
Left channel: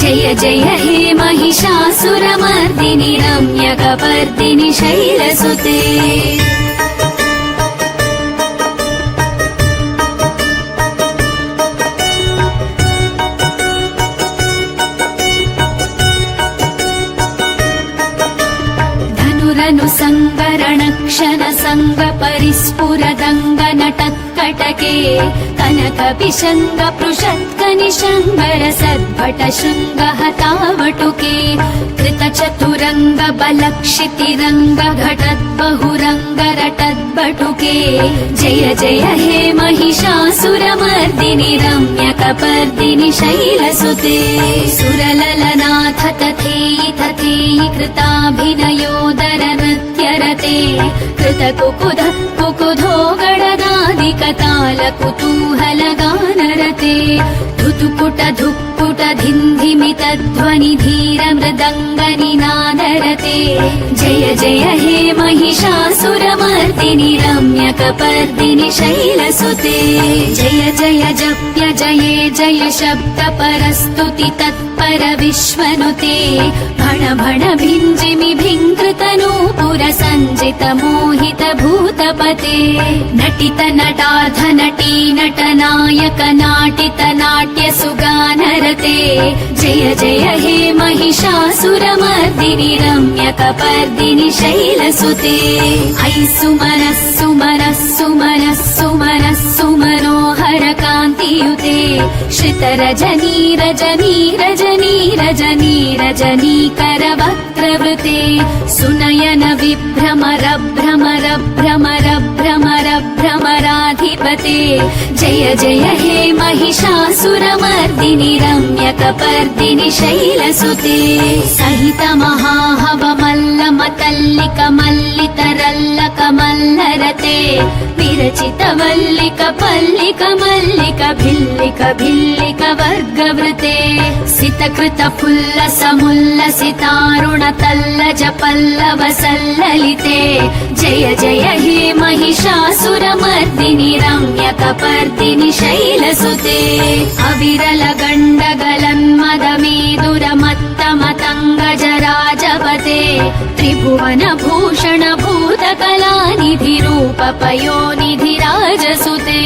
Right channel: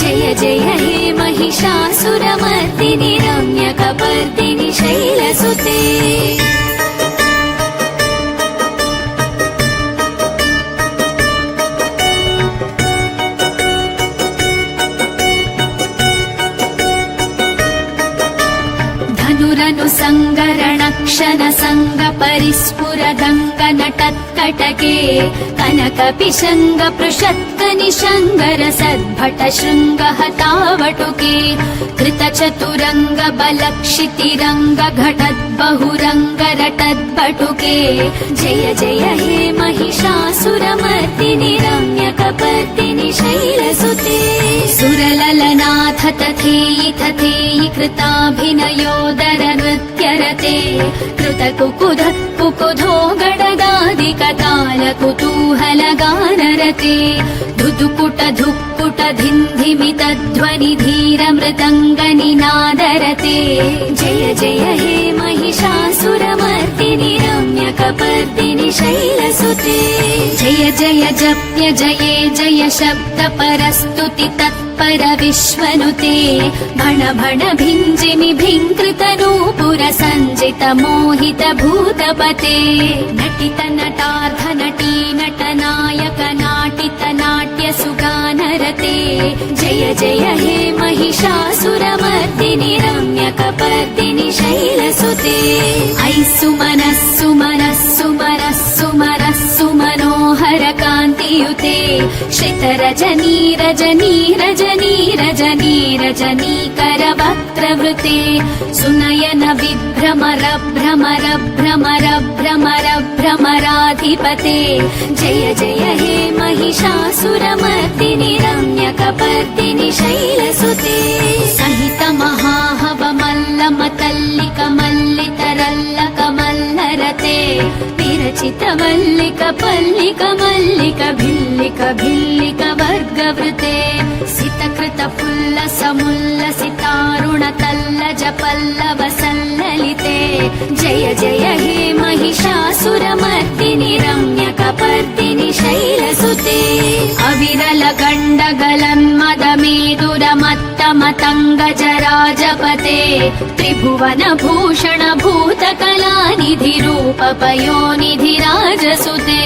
जय जय हे महिषासुरमर्दिनि रम्यकपर्दिनि शैलसुते सङ्गरणक्षण सङ्ग परिस्फुरदङ्ग नटत्कटके कनक पिशङ्ग पृषत्क निशङ्गर सद्भट शृङ्ग हतावटुके कृत चतुरङ्ग बलक्षितिरङ्ग घटत् बहुरङ्ग रटद्बटुके जय जय हे महिषासुरमर्दिनि रम्यकपर्दिनि शैलसुते सुरललनाथ तथेयि तथेयि कृताभिनयोदर नृत्यरते कृत कुकुध कुकुधो गणदादि कताल कुतूहल गानरते धुतुकुट धुक्कुट धिन्धिमित ध्वनि धीर मृदङ्ग निनादरते जय जय हे महिषासुरमर्दिनि रम्यकपर्दिनि शैलसुते जय जय जप्य जये जय शब्द परस्तुति तत्पर विश्वनुते भण भण भिञ्जिमि भिङ्कृत नूपुर सञ्जित मोहित भूतपते नटित नटाध नटी नटनायक नाटित नाट्य सुगानरते जय जय हे महिषासुरमर्दिनि रम्यकपर्दिनि शैलसुते ऐ सुमनः सुमनः सुमनः सुमनः सुमनोहर कान्तियुते श्रितरजनी रजनी रजनी रजनी रजनीकर वक्त्रवृते सुनयन विभ्रमर भ्रमर भ्रमर भ्रमर भ्रमराधिपते श्रीलसुते जय जय हे महिषासुरमर्दिनि रम्यकपर्दिनि शैलसुते सहित महाहवमल्लमतल्लिक मल्लितरल्लक मल्लरते विरचित वल्लिक पल्लिक मल्लिक भिल्लिक भिल्लिक वर्गवृते सितकृत फुल्ल समुल्लसितारुण तल्लज पल्लव सल्ललिते जय जय हे महिषासुरमर्दिनि रम्यकपर्दिनि शैलसुते अविरल गण्डगलन्मदमेदुरमत्तमतङ्गजराजपते त्रिभुवन भूषण भूतकलानिधि रूप पयोनिधिराजसुते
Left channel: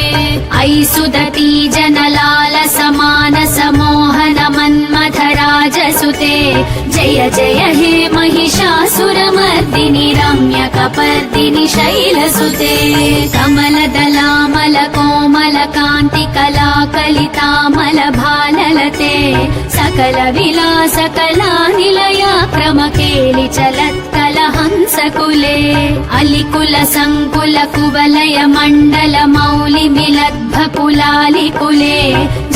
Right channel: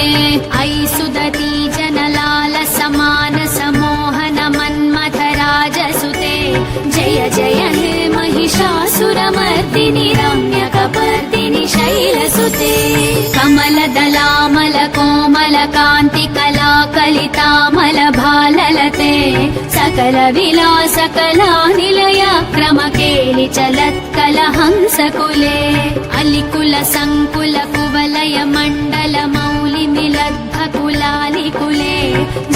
ऐसुदती जनलाल समान समोहन मन्मथराजसुते जय जय हे महिषासुरमर्दिनि रम्यकपर्दिनि शैलसुते कमलदलामल कोमल कान्ति कलाकलितामल भाललते सकल विलास कला निलया क्रमकेलि चलत्कल हंसकुले अलिकुल संकुल कुवलय मण्डल मौलि मिलद्भकुलालिकुले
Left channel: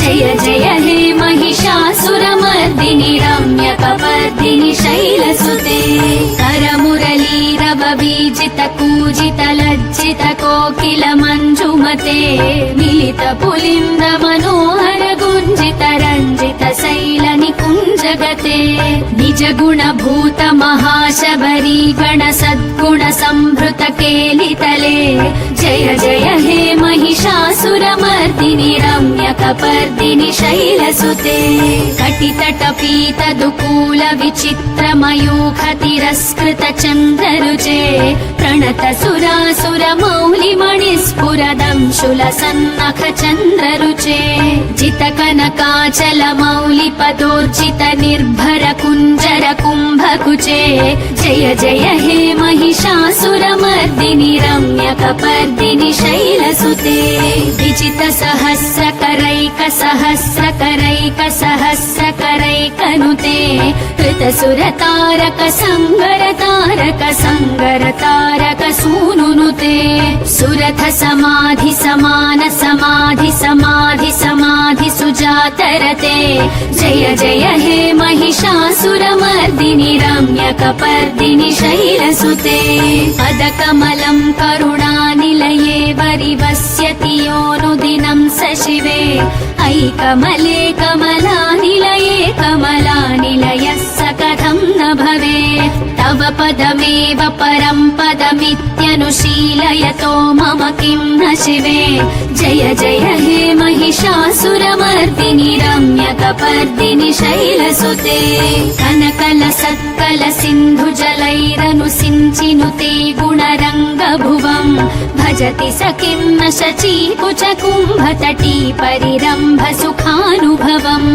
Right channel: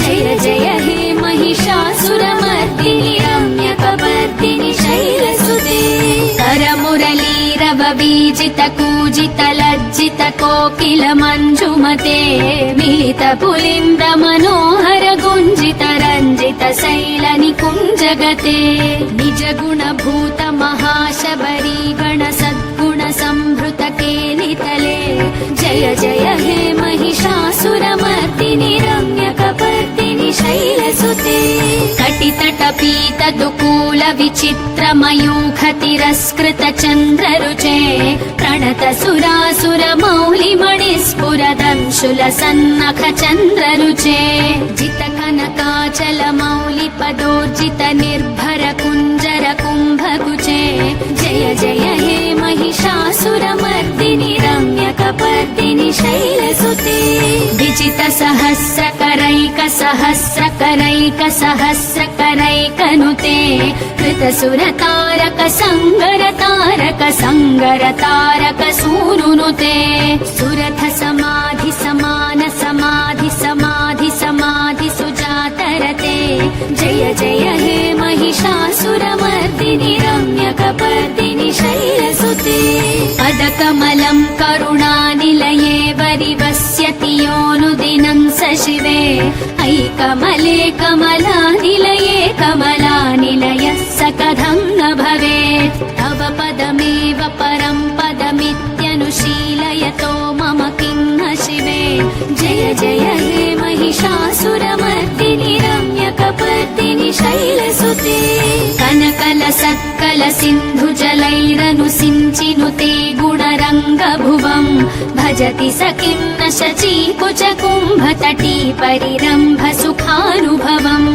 जय जय हे महिषासुरमर्दिनि रम्यकपर्दिनि शैलसुते करमुरलीरव बीजित कूजित लज्जित कोकिल मञ्जुमते मिलित पुलिन्द मनोहर गुञ्जित रञ्जित शैल निकुञ्जगते निज गुण भूत महाशबरी गण सद्गुण संभृत केलितले जय जय हे महिषासुरमर्दिनि रम्यकपर्दिनि शैलसुते कटितट पीत दुकूल विचित्र मयूख तिरस्कृत चन्द्ररुचे प्रणत सुरासुर मौलि मणिस्फुरदंशुल सन्नख चन्द्ररुचे जित कनकाचल मौलि पदोर्जित निर्भर कुञ्जर कुम्भकुचे जय जय हे महिषासुरमर्दिनि रम्यकपर्दिनि शैलसुते विजित सहस्रकरैक सहस्रकरैक सहस्रकरैकनुते कृतसुर तारक संगर तारक संगर तारक सूनुनुते सुरथ समाधि समान समाधि समाधि समाधि सुजातरते जय जय हे महिषासुरमर्दिनि रम्यकपर्दिनि शैलसुते पदकमलं करुणानिलये वरिवस्यति योऽनुदिनं स शिवे ऐकमले कमलानिलये कमलानिलयः स कथं न भवेत् तव पदमेव परं पदमित्यनुशीलयतो मम किं न शिवे जय जय हे महिषासुरमर्दिनि रम्यकपर्दिनि शैलसुते कनकल सत्कल सिन्धु जलैरनुसिञ्चिनुते गुणरङ्गभुवम् भजति स किं न शचीकुच कुम्भतटी परिरम्भ सुखानुभवम्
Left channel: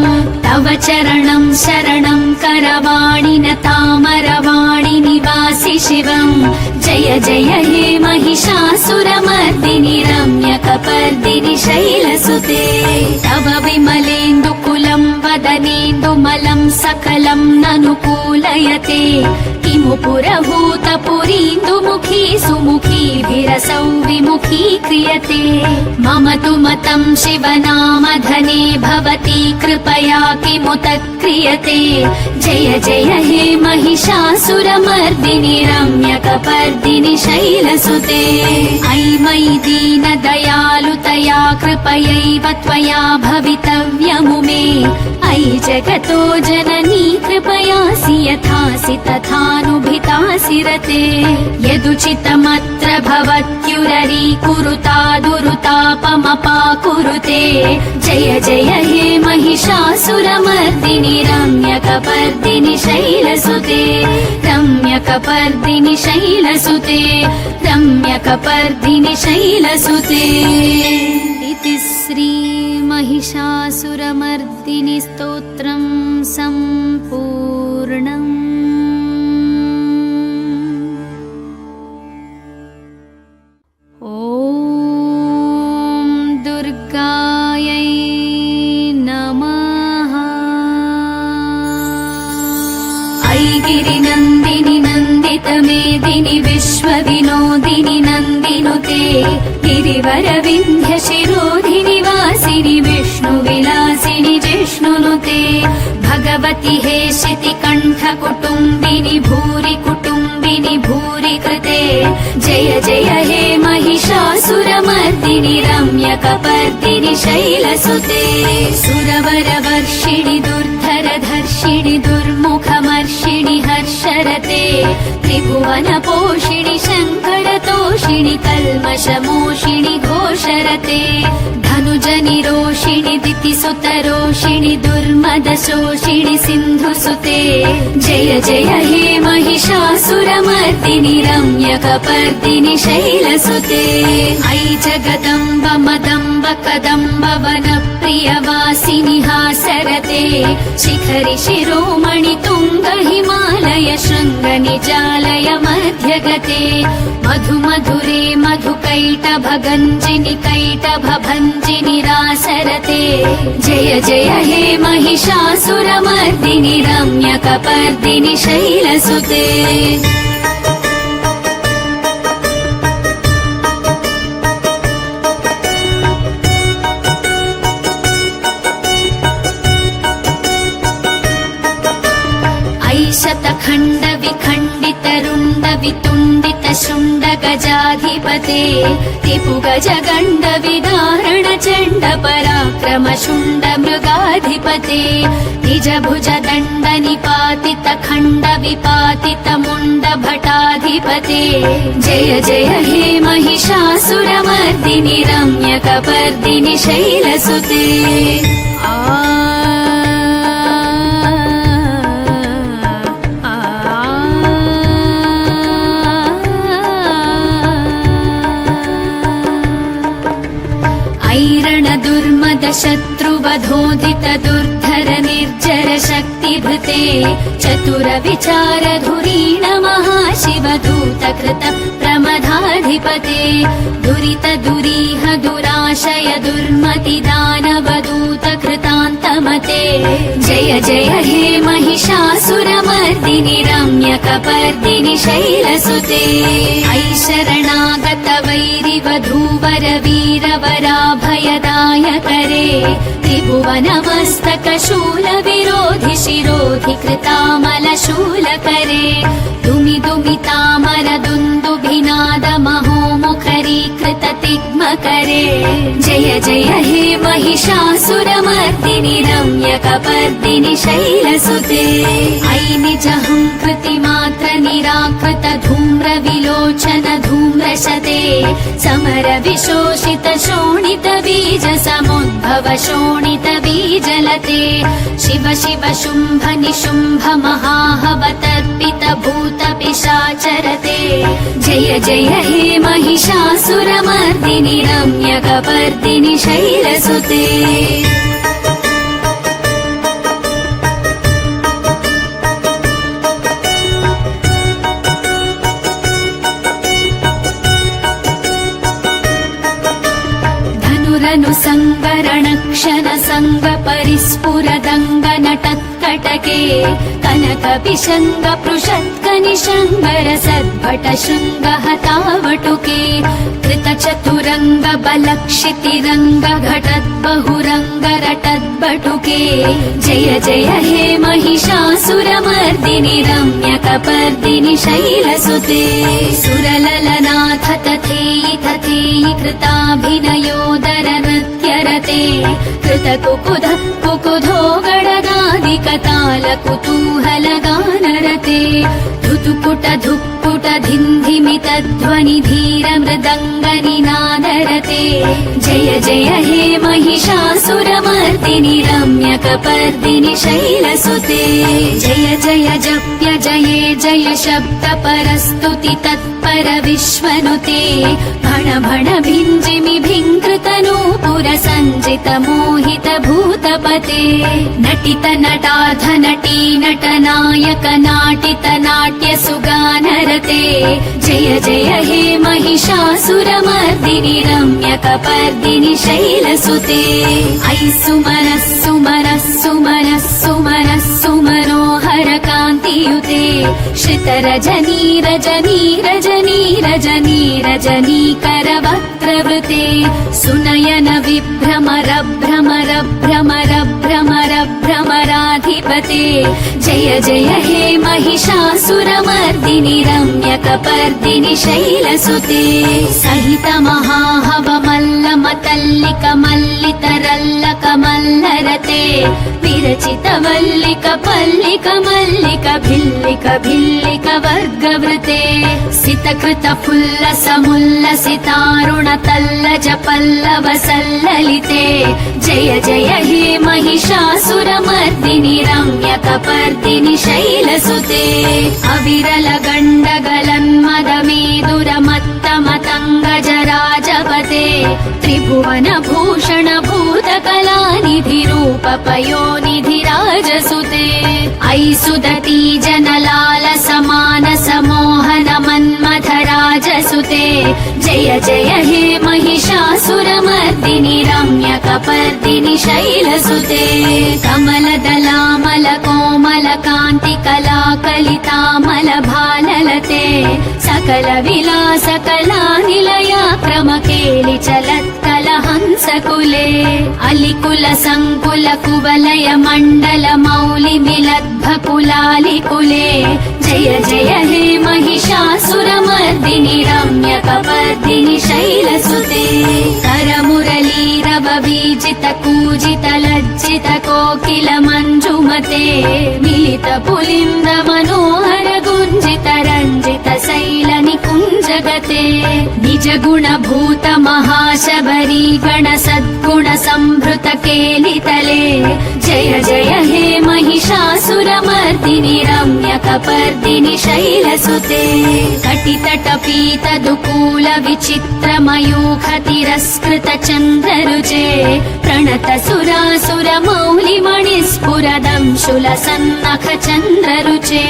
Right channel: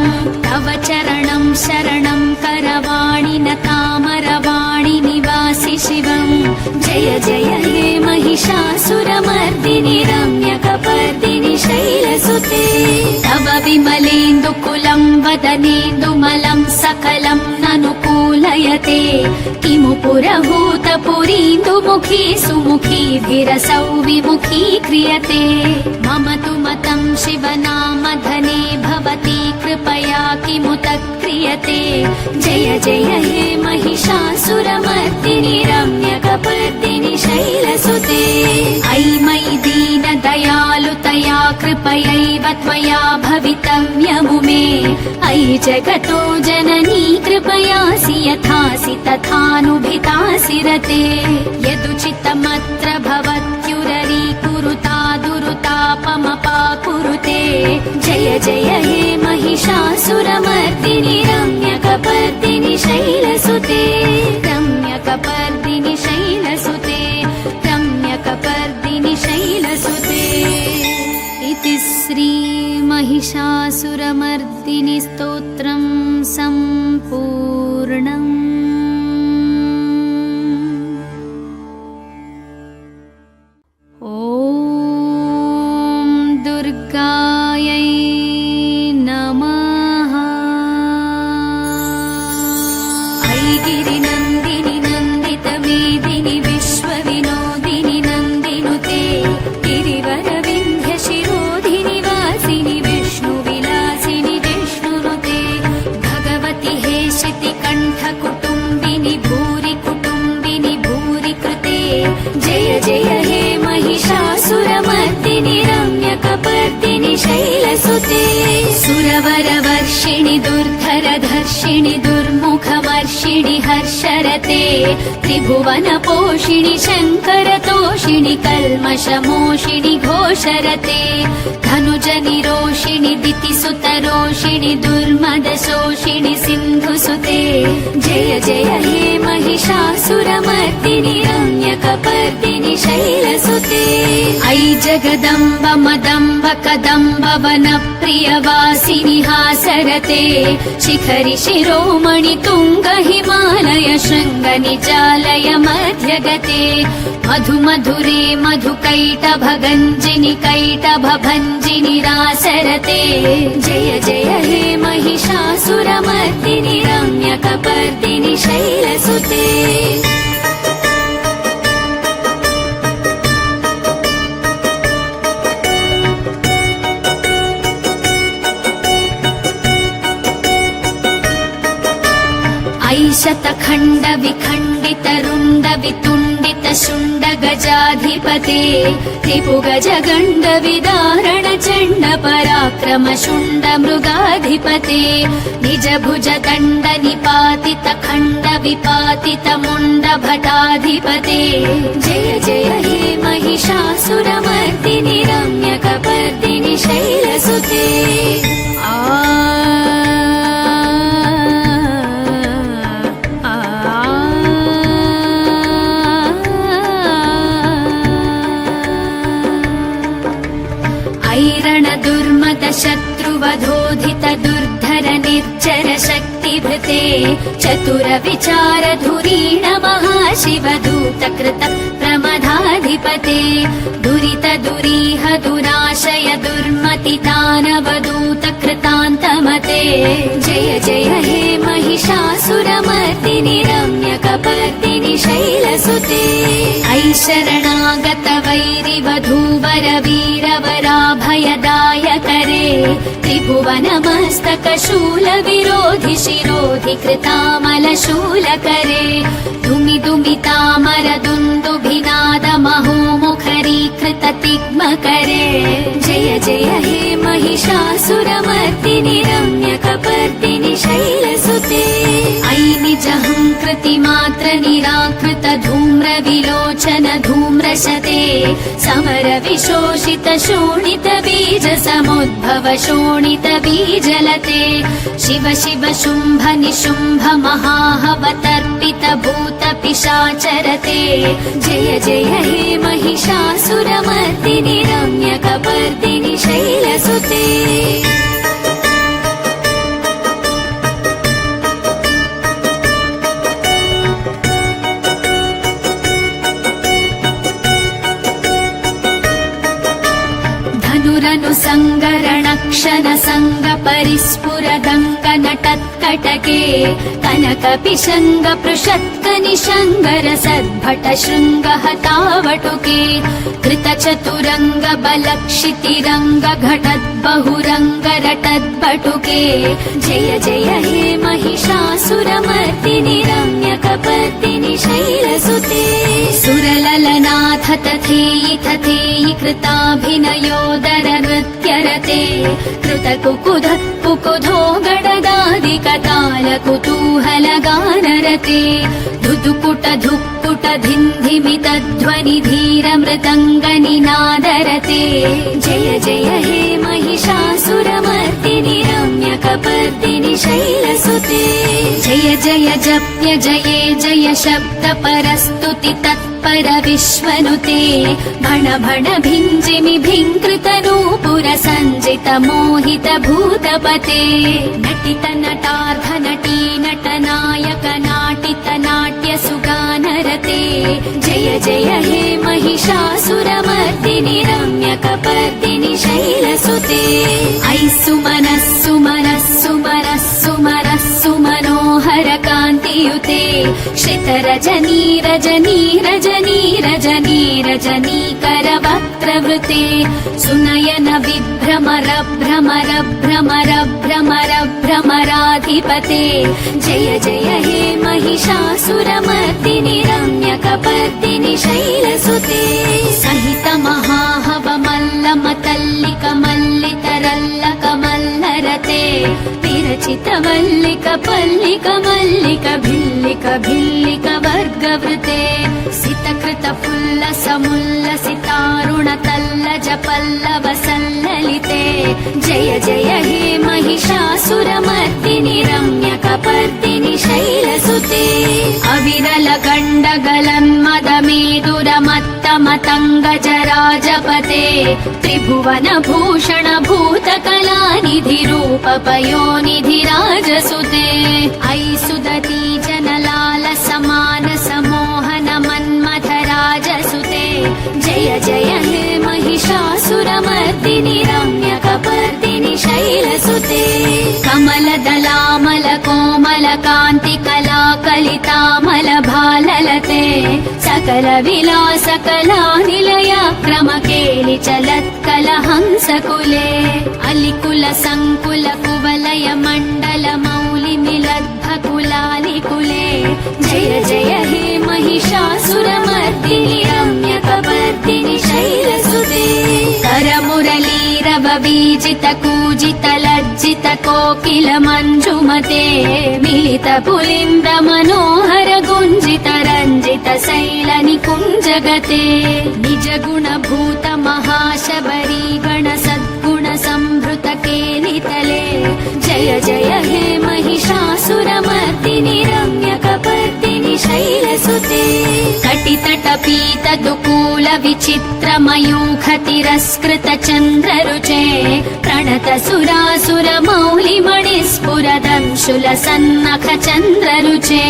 तव चरणं शरणं करवाणि न तामरवाणि निवासि शिवम् जय जय हे महिषासुरमर्दिनि रम्यकपर्दिनि शैलसुते तव विमलेन्दुकुलं वदनेन्दुमलं सकलं ननुकूलयते किमु पुरभूतपुरीन्दुमुखी सुमुखी गिरसौ विमुखी क्रियते मम तु मतं शिवनामधने भवती कृपया किमु तत्क्रियते जय जय हे महिषासुरमर्दिनि रम्यकपर्दिनि शैलसुते ऐ मयि दीनदयालुतया कृपयैव त्वया भवितव्यमु मे ऐ जगतो जननी कृपयासि यथासि तथानुभितासि रते यदुचितमत्र भवत्युररीकुरुता दुरुतापमपाकुरुते जय जय हे महिषासुरमर्दिनि रम्यकपर्दिनि शैलसुते रम्यकपर्दिनि शैलसुते रम्यकपर्दिनि शैलसुते इति श्री महिषासुरमर्दिनि स्तोत्रं सम्पूर्णम्। ॐ दुर्गायै नमः। ऐगिरिनन्दिनि नन्दितमेदिनि विश्वविनोदिनि नन्दिनी नुते गिरिवर विन्ध्य शिरोधिनि वासिनि विष्णुविलासिनि जिष्णुनुते भगवति हेशिति कण्ठ कुटुम्बिनि भूरि कुटुम्बिनि भूरि कृते जय जय हे महिषासुरमर्दिनि रम्यकपर्दिनि शैलसुते सुरवरवर्षिणि दुर्धरधर्षिणि दुर्मुखमर्षिणि हर्षरते त्रिभुवनपोषिणि शङ्करतोषिणि कल्मषमोषिणि घोषरते धनुजनिरोषिणि दितिसुतरोषिणि दुर्मदशोषिणि सिन्धुसुते जय जय हे महिषासुरमर्दिनि रम्यकपर्दिनि शैलसुते ऐ जगदम्ब मदम्ब कदम्ब वनप्रियवासिनि हासरते शिखरि शिरोमणि तुङ्ग हिमालय शृङ्गनिचालय मध्यगते मधु मधुरे मधुकैटभगञ्जिनि कैटभभञ्जिनि रासरते जय जय हे महिषासुरमर्दिनि रम्यकपर्दिनि शैलसुते शतखण्ड विखण्डित रुण्ड वितुण्डित शुण्ड गजाधिपते रिपुगज गण्ड विदारण चण्ड पराक्रम शुण्ड मृगाधिपते निज भुज दण्ड निपातित खण्ड विपातित मुण्ड भटाधिपते जय जय हे महिषासुरमर्दिनि रम्यकपर्दिनि शैलसुते शत्रुवधोधित दुर्धर निर्जर शक्तिभृते चतुर विचार धुरीण महाशिवदूत कृत प्रमदाधिपते दुरित दुरीह दुराशय दुर्मति दानवदूत कृतान्तमते जय जय हे महिषासुरमर्दिनि रम्यकपर्दिनि शैलसुते ऐ शरणागत वैरिवधूवर वीरवराभयदायकरे त्रिभुवनमस्तक शूल विरोधि शिरोधि कृतामल शूलकरे दुमि दुमितामर दुन्दुभिनाद महोमुखरीकृत तिग्मकरे जय जय हे महिषासुरमर्दिनि रम्यकपर्दिनि शैलसुते ऐ निजहङ्कृति मात्र निराकृत धूम्र विलोचन धूम्रशते समर विशोषित शोणित बीज समुद्भव शोणित बीजलते शिव शिव शुम्भ निशुम्भ महाहवतर्पित भूत पिशाचरते जय जय हे महिषासुरमर्दिनि रम्यकपर्दिनि शैलसुते सङ्गरणक्षण सङ्ग परिस्फुरदङ्ग नटत्कटके कनक विशङ्ग पृषत्क निशङ्गर सद्भट शृङ्ग हतावटुके कृत चतुरङ्ग बलक्षितिरङ्ग घटत् बहुरङ्ग रटद्बटुके जय जय हे महिषासुरमर्दिनि रम्यकपर्दिनि शैलसुते सुरललनाथ तथेयि तथेयि कृताभिनयोदर नृत्यरते कृत कुकुध कुकुधो गणदादि कताल कुतूहल गानरते धुतुकुट धुक्कुट धिन्धिमित ध्वनि धीर मृदङ्ग निनादरते जय जय हे महिषासुरमर्दिनि रम्यकपर्दिनि शैलसुते जय जय जप्य जये जय शब्द परस्तुति तत्पर विश्वनुते भण भण भिञ्जिमि भिङ्कृत नूपुर सञ्जित मोहित भूतपते नटित नटाध नटी नटनायक नाटित नाट्य सुगानरते जय जय हे महिषासुरमर्दिनि रम्यकपर्दिनि शैलसुते ऐ सुमनः सुमनः सुमनः सुमनः सुमनोहर कान्तियुते श्री चलित रजनी रजनी रजनी रजनी रजनीकरवक्त्रवृते सुनयन विभ्रमर भ्रमर भ्रमर भ्रमर भ्रमराधिपते जय जय हे महिषासुरमर्दिनि रम्यकपर्दिनि शैलसुते सहित महाहवमल्लमतल्लिक मल्लितरल्लक मल्लरते विरचित वल्लिक पल्लिक मल्लिक भिल्लिक भिल्लिक वर्गवृते सितकृत फुल्लसमुल्लसितारुण तल्लज पल्लव सल्ललिते जय जय हे महिषासुरमर्दिनि रम्यकपर्दिनि शैलसुते अविरल गण्डगलन्मदमेदुरमत्तमतङ्गजराजपते त्रिभुवन भूषण भूतकलानिधि रूप पयोनिधिराजसुते ऐ सुदती जनलाल समान समोहन मन्मथराजसुते जय जय हे महिषासुरमर्दिनि रम्यकपर्दिनि शैलसुते कमलदलामल कोमल कान्ति कलाकलितामल भाललते सकल विलास कला निलया क्रमकेलि चलत्कलहंसकुले अलिकुल संकुल कुवलय मण्डल मौलि मिलद्भकुलालिकुले जय जय हे महिषासुरमर्दिनि रम्यकपर्दिनि शैलसुते करमुरलीरव बीजित कूजित लज्जित कोकिल मञ्जुमते मिलित पुलिन्द मनोहर गुञ्जित रञ्जित शैल निकुञ्जगते निज गुण भूत महाशबरी गण सद्गुण संभृत केलितले जय जय हे महिषासुरमर्दिनि रम्यकपर्दिनि शैलसुते कटितट पीत दुकूल विचित्र मयूख तिरस्कृत चन्द्ररुचे प्रणत सुरासुर मौलि मणिस्फुरदंशुल सन्नख चन्द्ररुचे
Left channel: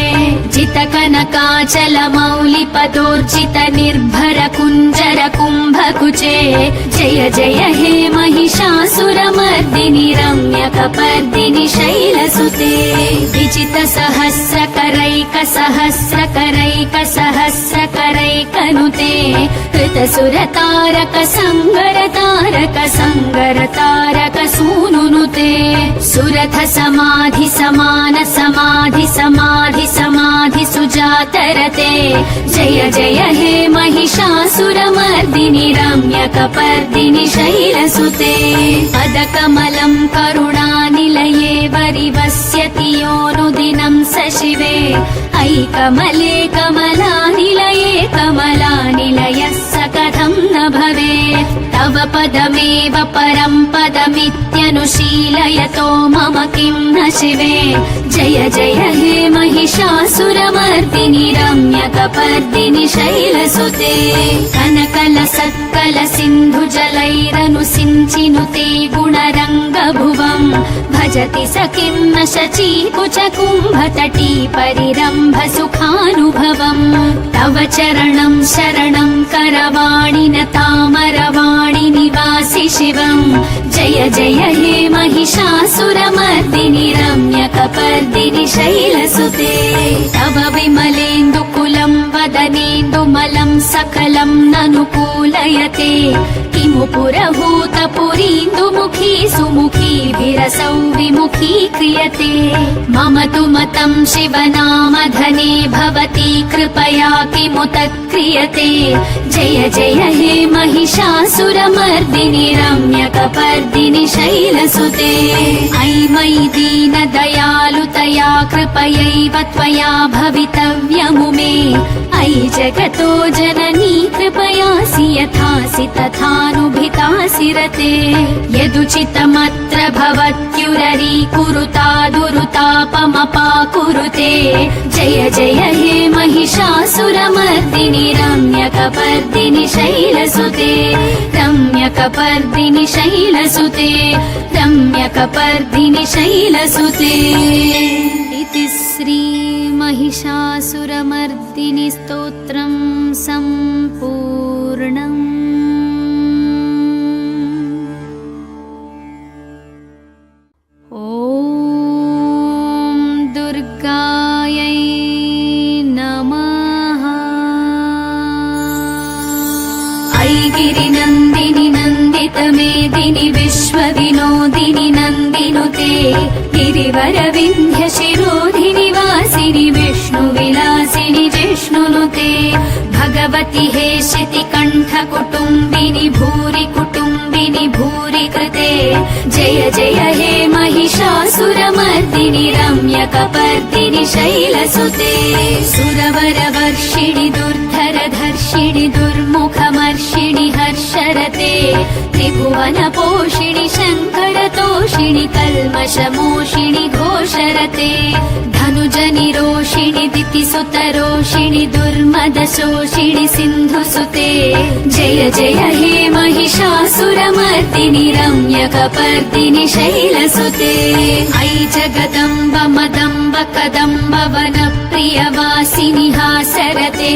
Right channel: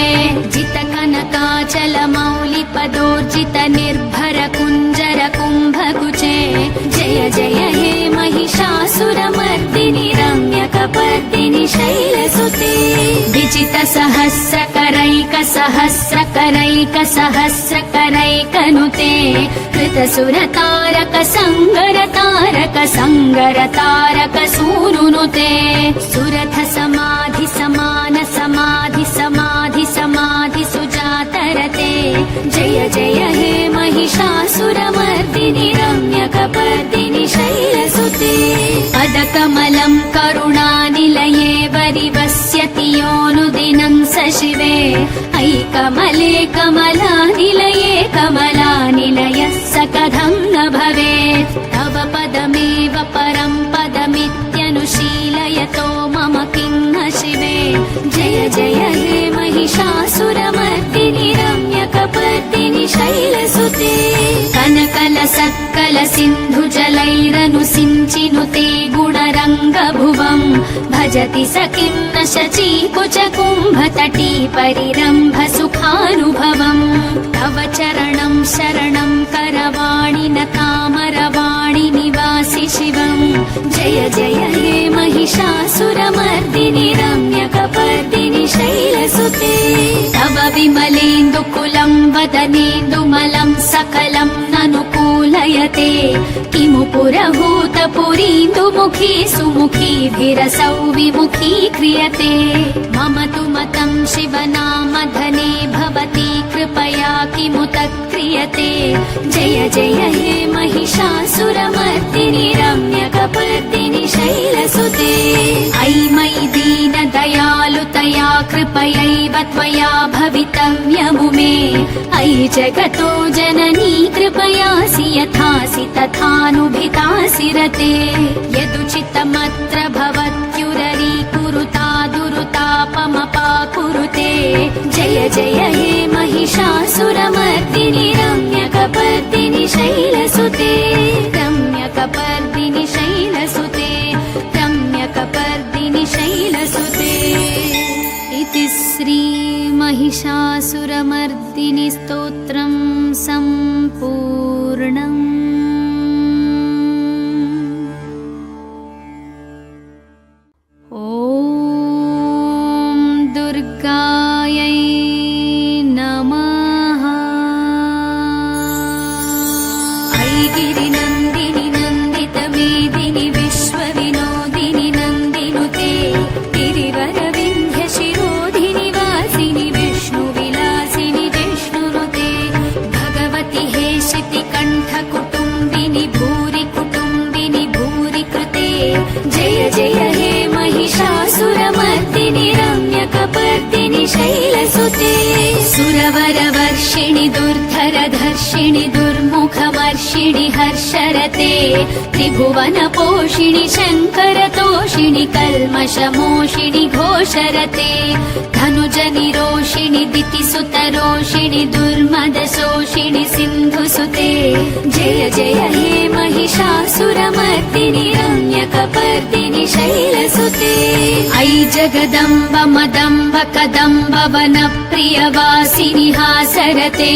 जित कनकाचल मौलि पदोर्जित निर्भर कुञ्जर कुम्भकुचे जय जय हे महिषासुरमर्दिनि रम्यकपर्दिनि शैलसुते विजित सहस्रकरैक सहस्रकरैक सहस्रकरैकनुते कृत सुरतारक संगरतारक संगरतारक सूनुनुते सुरथ समाधि समान समाधि समाधि समाधि सुजातरते जय जय हे महिषासुरमर्दिनि रम्यकपर्दिनि शैलसुते पदकमलं करुणानिलये वरिवस्यति योऽनुदिनं स शिवे ऐ कमले कमलानिलये कमलानिलयः स कथं न भवेत् तव पदमेव परं पदमित्यनुशीलयतो मम किं न शिवे जय जय हे महिषासुरमर्दिनि रम्यकपर्दिनि शैलसुते कनकल सत्कल सिन्धु जलैरनुसिञ्चिनुते गुणरङ्गभुवम् भजति स किं न शची कुच कुम्भतटी परिरम्भ सुखानुभवम् तव चरणं शरणं करवाणि न तामरवाणि निवासि शिवम् जय जय हे महिषासुरमर्दिनि रम्यकपर्दिनि शैलसुते तव विमलेन्दुकुलं वदनेन्दुमलं सकलं ननुकूलयते किमु पुरभूतपुरीन्दुमुखी सुमुखी विरसौ विमुखी क्रियते मम तु मतं शिवनामधने भवती कृपया किमुत क्रियते जय जय हे महिषासुरमर्दिनि रम्यकपर्दिनि शैलसुते ऐ मयि दीनदयालुतया कृपयैव त्वया भवितव्यमुमे ऐ जगतो जननी कृपयासि यथासि तथानुभितासि रते यदुचितमत्र भवत्युररी कुरुता दुरुतापमपाकुरुते जय जय हे महिषासुरमर्दिनि रम्यकपर्दिनि शैलसुते रम्यकपर्दिनि शैलसुते रम्यकपर्दिनि शैलसुते इति श्री महिषासुरमर्दिनि स्तोत्रं सम्पूर्णम्। ॐ दुर्गायै नमः। गिरिवरविन्ध्य शिरोधिनिवासिनि विष्णुविलासिनि जिष्णुनुते भगवति हेशिति कण्ठकुटुम्बिनि भूरि कुटुम्बिनि भूरि कृते जय जय हे महिषासुरमर्दिनि रम्यकपर्दिनि शैलसुते सुरवरवर्षिणि दुर्धरधर्षिणि दुर्मुखमर्षिणि हर्षरते त्रिभुवनपोषिणि शङ्करतोषिणि कल्मषमोषिणि घोषरते धनुजनिरोषिणि दितिसुतरोषिणि दुर्मदशोषिणि सिन्धुसुते जय जय हे महिषासुरमर्दिनि रम्यकपर्दिनि शैलसुते ऐ जगदम्ब मदम्ब कदम्ब वनप्रियवासिनि हासरते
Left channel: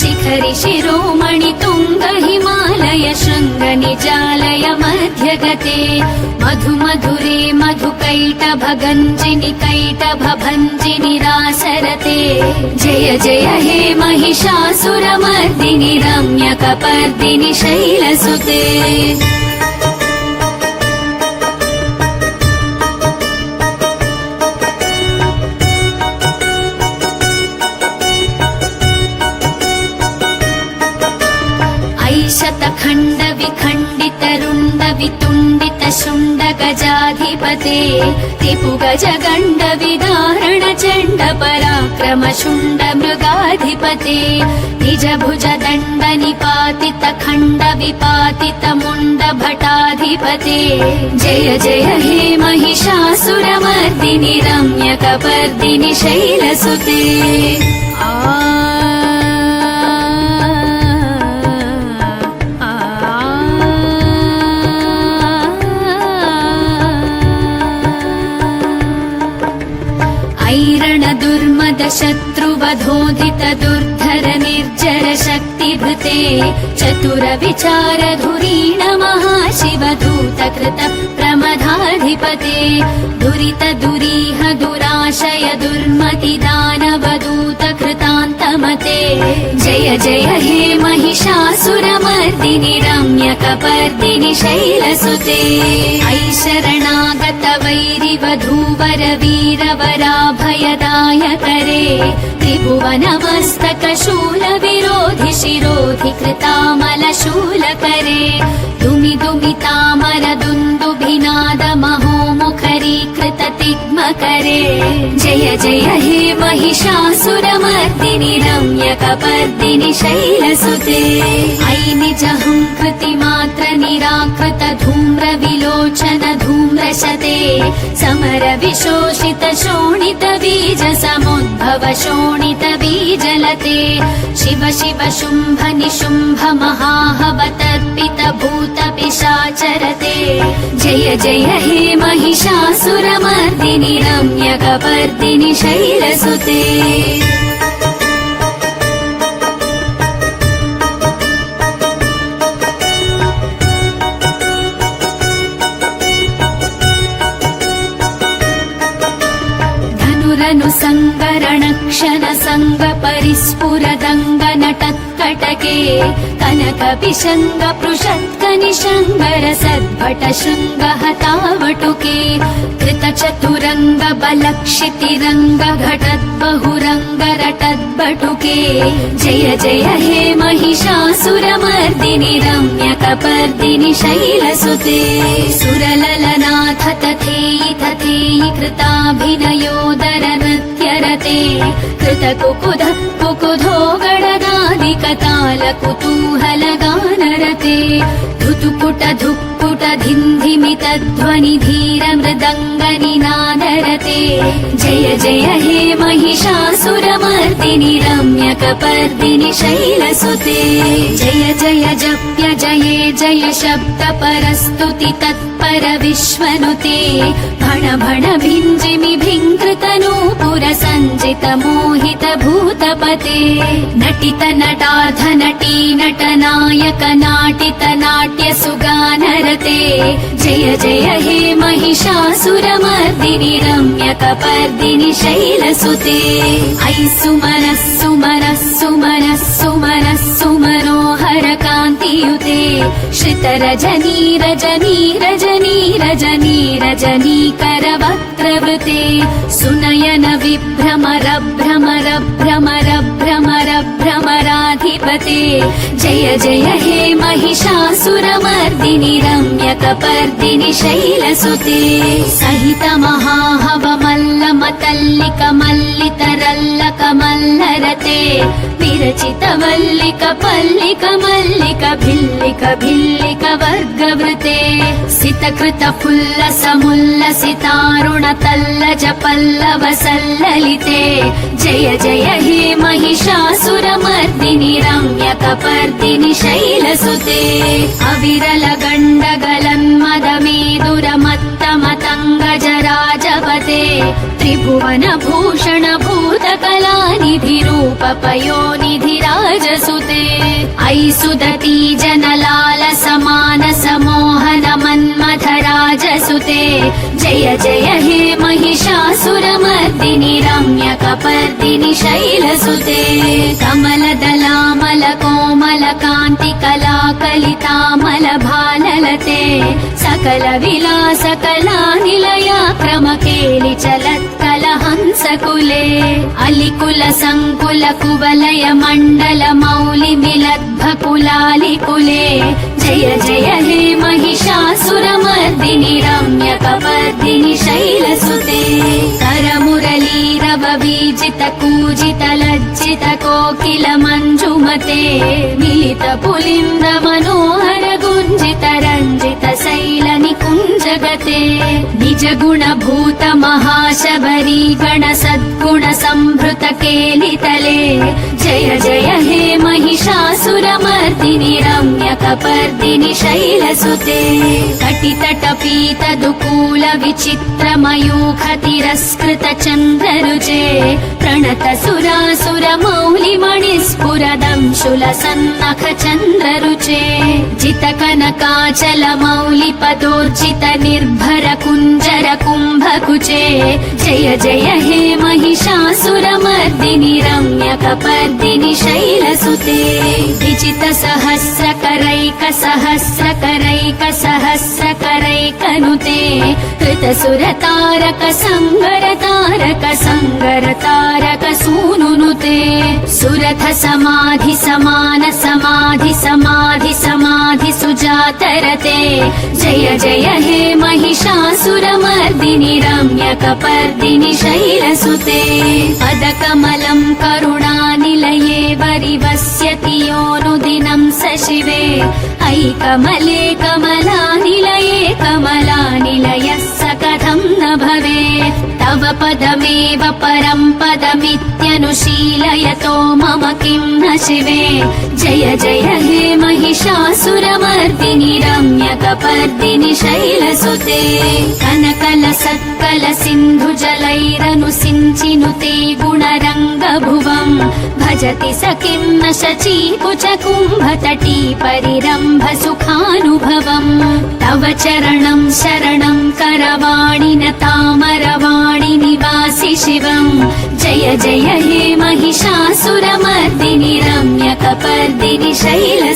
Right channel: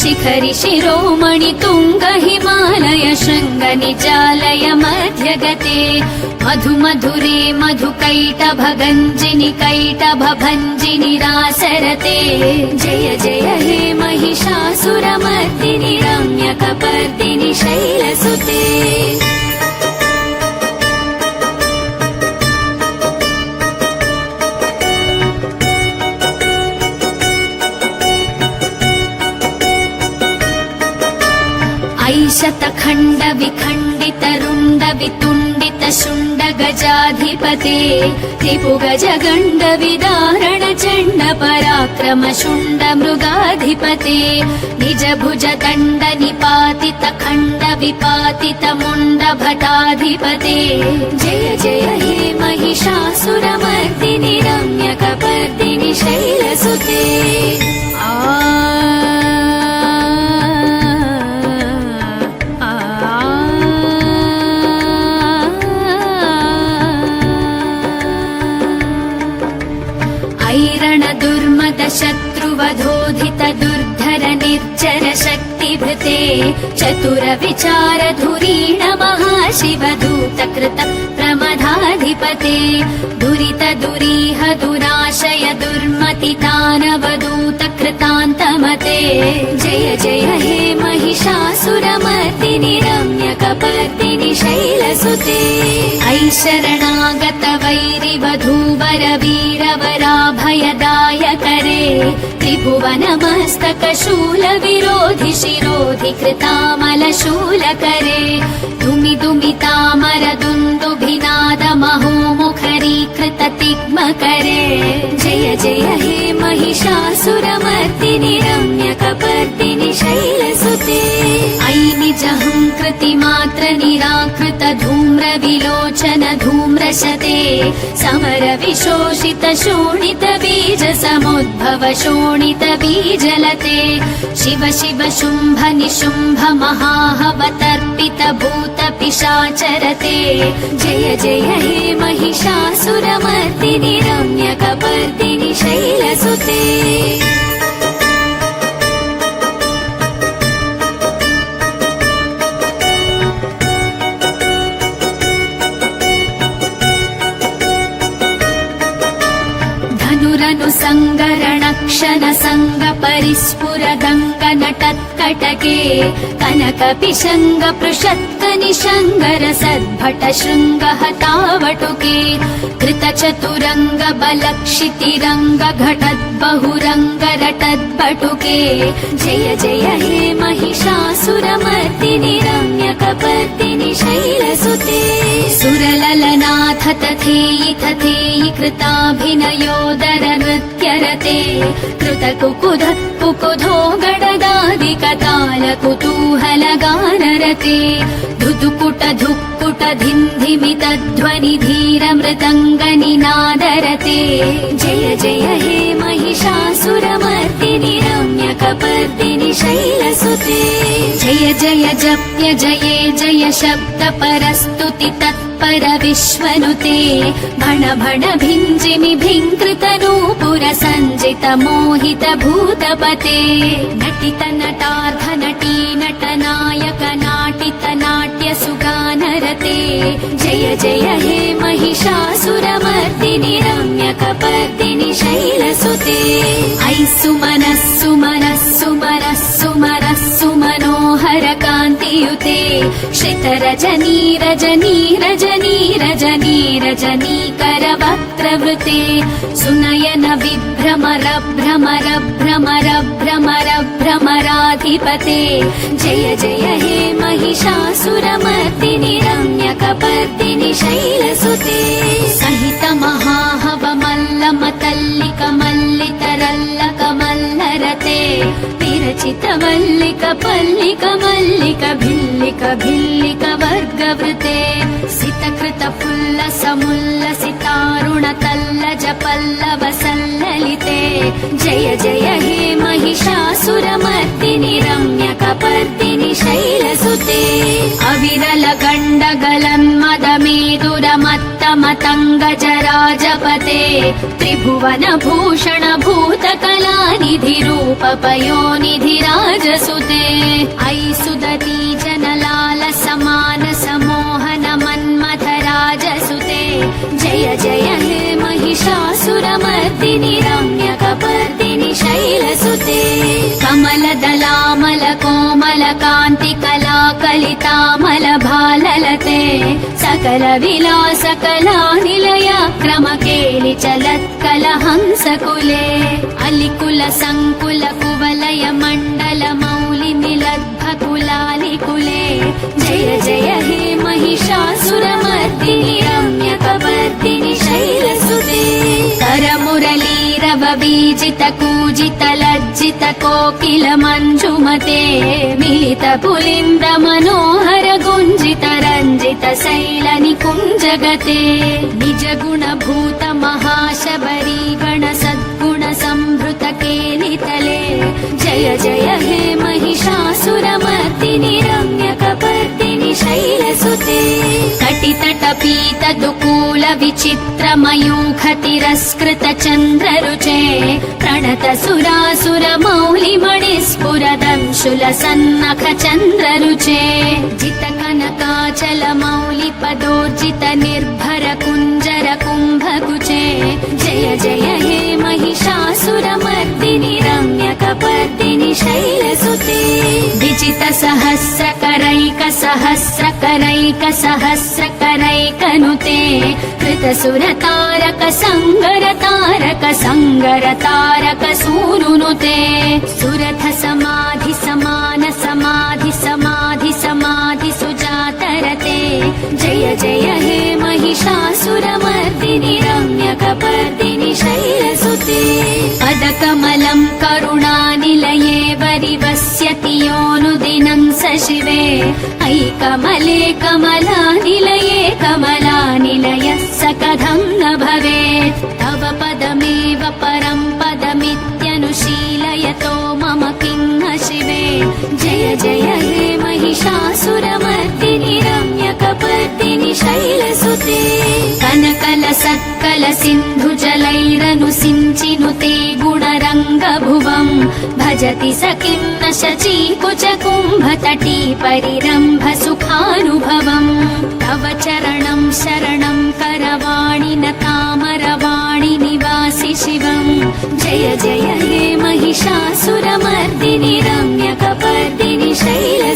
शिखरि शिरोमणि तुङ्ग हिमालय शृङ्ग निचालय मध्यगते मधु मधुरे मधुकैटभगञ्जिनि कैटभभञ्जिनि रासरते जय जय हे महिषासुरमर्दिनि रम्यकपर्दिनि शैलसुते शतखण्ड विखण्डित रुण्ड वितुण्डित शुण्ड गजाधिपते त्रिभुगज गण्ड विदारण चण्ड पराक्रम शुण्ड मृगाधिपते निज भुज दण्ड निपातित खण्ड विपातित मुण्ड भटाधिपते जय जय हे महिषासुरमर्दिनि रम्यकपर्दिनि शैलसुते शत्रुवधोधित दुर्धर निर्जर शक्तिभृते चतुर विचार धुरीण महाशिवदूत कृत प्रमदाधिपते दुरित दुरीह दुराशय दुर्मति दानवदूत कृतान्तमते जय जय हे महिषासुरमर्दिनि रम्यकपर्दिनि शैलसुते ऐ शरणागत वैरिवधूवर वीरवराभयदायकरे त्रिभुवनमस्तक शूल विरोधि शिरोधि कृतामल शूलकरे दुमि दुमितामर दुन्दुभिनाद महोमुखरीकृत तिग्मकरे जय जय हे महिषासुरमर्दिनि रम्यकपर्दिनि शैलसुते ऐ निजहंकृति मात्र निराकृत धूम्र विलोचन धूम्रशते समर विशोषित शोणित बीज समुद्भव शोणित बीजलते शिव शिव शुम्भ निशुम्भ महाहवतर्पित भूत पिशाचरते जय जय हे महिषासुरमर्दिनि रम्यकपर्दिनि शैलसुते सङ्गरणक्षण सङ्ग परिस्फुरदङ्ग नटत्कटके कनक विशङ्ग पृषत्क निशङ्गर सद्भट शृङ्ग हतावटुके कृत चतुरङ्ग बलक्षितिरङ्ग घटत् बहुरङ्ग रटद्बटुके जय जय हे महिषासुरमर्दिनि रम्यकपर्दिनि शैलसुते सुरललनाथ तथेयि तथेयि कृताभिनयोदर नृत्यरते कृत कुकुध कुकुधो गणदादि कताल कुतूहल गानरते धुतुकुट धुक्कुट धिन्धिमित ध्वनि धीर मृदङ्ग निनादरते जय जय हे महिषासुरमर्दिनि रम्यकपर्दिनि शैलसुते जय जय जप्य जये जय शब्द परस्तुति तत्पर विश्वनुते भण भण भिञ्जिमि भिङ्कृत नूपुर सञ्जित मोहित भूतपते नटित नटाध नटी नटनायक नाटित नाट्य सुगानरते जय जय हे महिषासुरमर्दिनि रम्यकपर्दिनि शैलसुते ऐ सुमनः सुमनः सुमनः सुमनः सुमनोहर कान्तियुते श्रितरजनी रजनी रजनी रजनी रजनीकरवक्त्रवृते सुनयन विभ्रमर भ्रमर भ्रमर भ्रमर भ्रमराधिपते जय जय हे महिषासुरमर्दिनि रम्यकपर्दिनि शैलसुते सहित महाहवमल्लमतल्लिक मल्लितरल्लक मल्लरते विरचित वल्लिक पल्लिक मल्लिक भिल्लिक भिल्लिक वर्गवृते सितकृत फुल्लसमुल्लसितारुण तल्लज पल्लव सल्ललिते जय जय हे महिषासुरमर्दिनि रम्यकपर्दिनि शैलसुते अविरल गण्डगलन्मदमेदुरमत्तमतङ्गजराजपते त्रिभुवन भूषण भूतकलानिधि रूप पयोनिधिराजसुते ऐसुदती जनलाल समान समोहन मन्मथराजसुते जय जय हे महिषासुरमर्दिनि रम्यकपर्दिनि शैलसुते कमलदलामल कोमल कान्ति कलाकलितामल भाललते सकल विलास कला निलय क्रम केलि चलत्कलहंसकुले अलिकुल संकुल कुवलय मण्डल मौलि मिलद्भकुलालिकुले जय जय हे महिषासुरमर्दिनि रम्यकपर्दिनि शैलसुते तरमुरलीरव बीजित कूजित लज्जित कोकिल मञ्जुमते मिलित पुलिन्द मनोहर गुञ्जित रञ्जित शैल निकुञ्जगते निज गुण भूत महाशबरी गण सद्गुण संभृत केलितले जय जय हे महिषासुरमर्दिनि रम्यकपर्दिनि शैलसुते कटितट पीत दुकूल विचित्र मयूख तिरस्कृत चन्द्ररुचे प्रणत सुरासुर मौलि मणिस्फुरदंशुल सन्नख चन्द्ररुचे जित कनकाचल मौलि पदोर्जित निर्भर कुञ्जर कुम्भकुचे जय जय हे महिषासुरमर्दिनि रम्यकपर्दिनि शैलसुते विजित सहस्रकरैक सहस्रकरैक सहस्रकरैकनुते कृत सुरतारक संगरतारक संगरतारक सूनुनुते सुरथ समाधि समान समाधि समाधि समाधि सुजातरते जय जय हे महिषासुरमर्दिनि रम्यकपर्दिनि शैलसुते पदकमलं करुणानिलये वरिवस्यति योऽनुदिनं स शिवे ऐकमले कमलानिलये कमलानिलयः स कथं न भवेत् तव पदमेव परं पदमित्यनुशीलयतो मम किं न शिवे जय जय हे महिषासुरमर्दिनि रम्यकपर्दिनि शैलसुते कनकल सत्कल सिन्धु जलैरनुसिञ्चिनुते गुणरङ्गभुवम् भजति स किं न शची कुच कुम्भतटी परिरम्भ सुखानुभवम् तव चरणं शरणं करवाणि न तामरवाणि निवासि शिवम् जय जय हे महिषासुरमर्दिनि रम्यकपर्दिनि शैल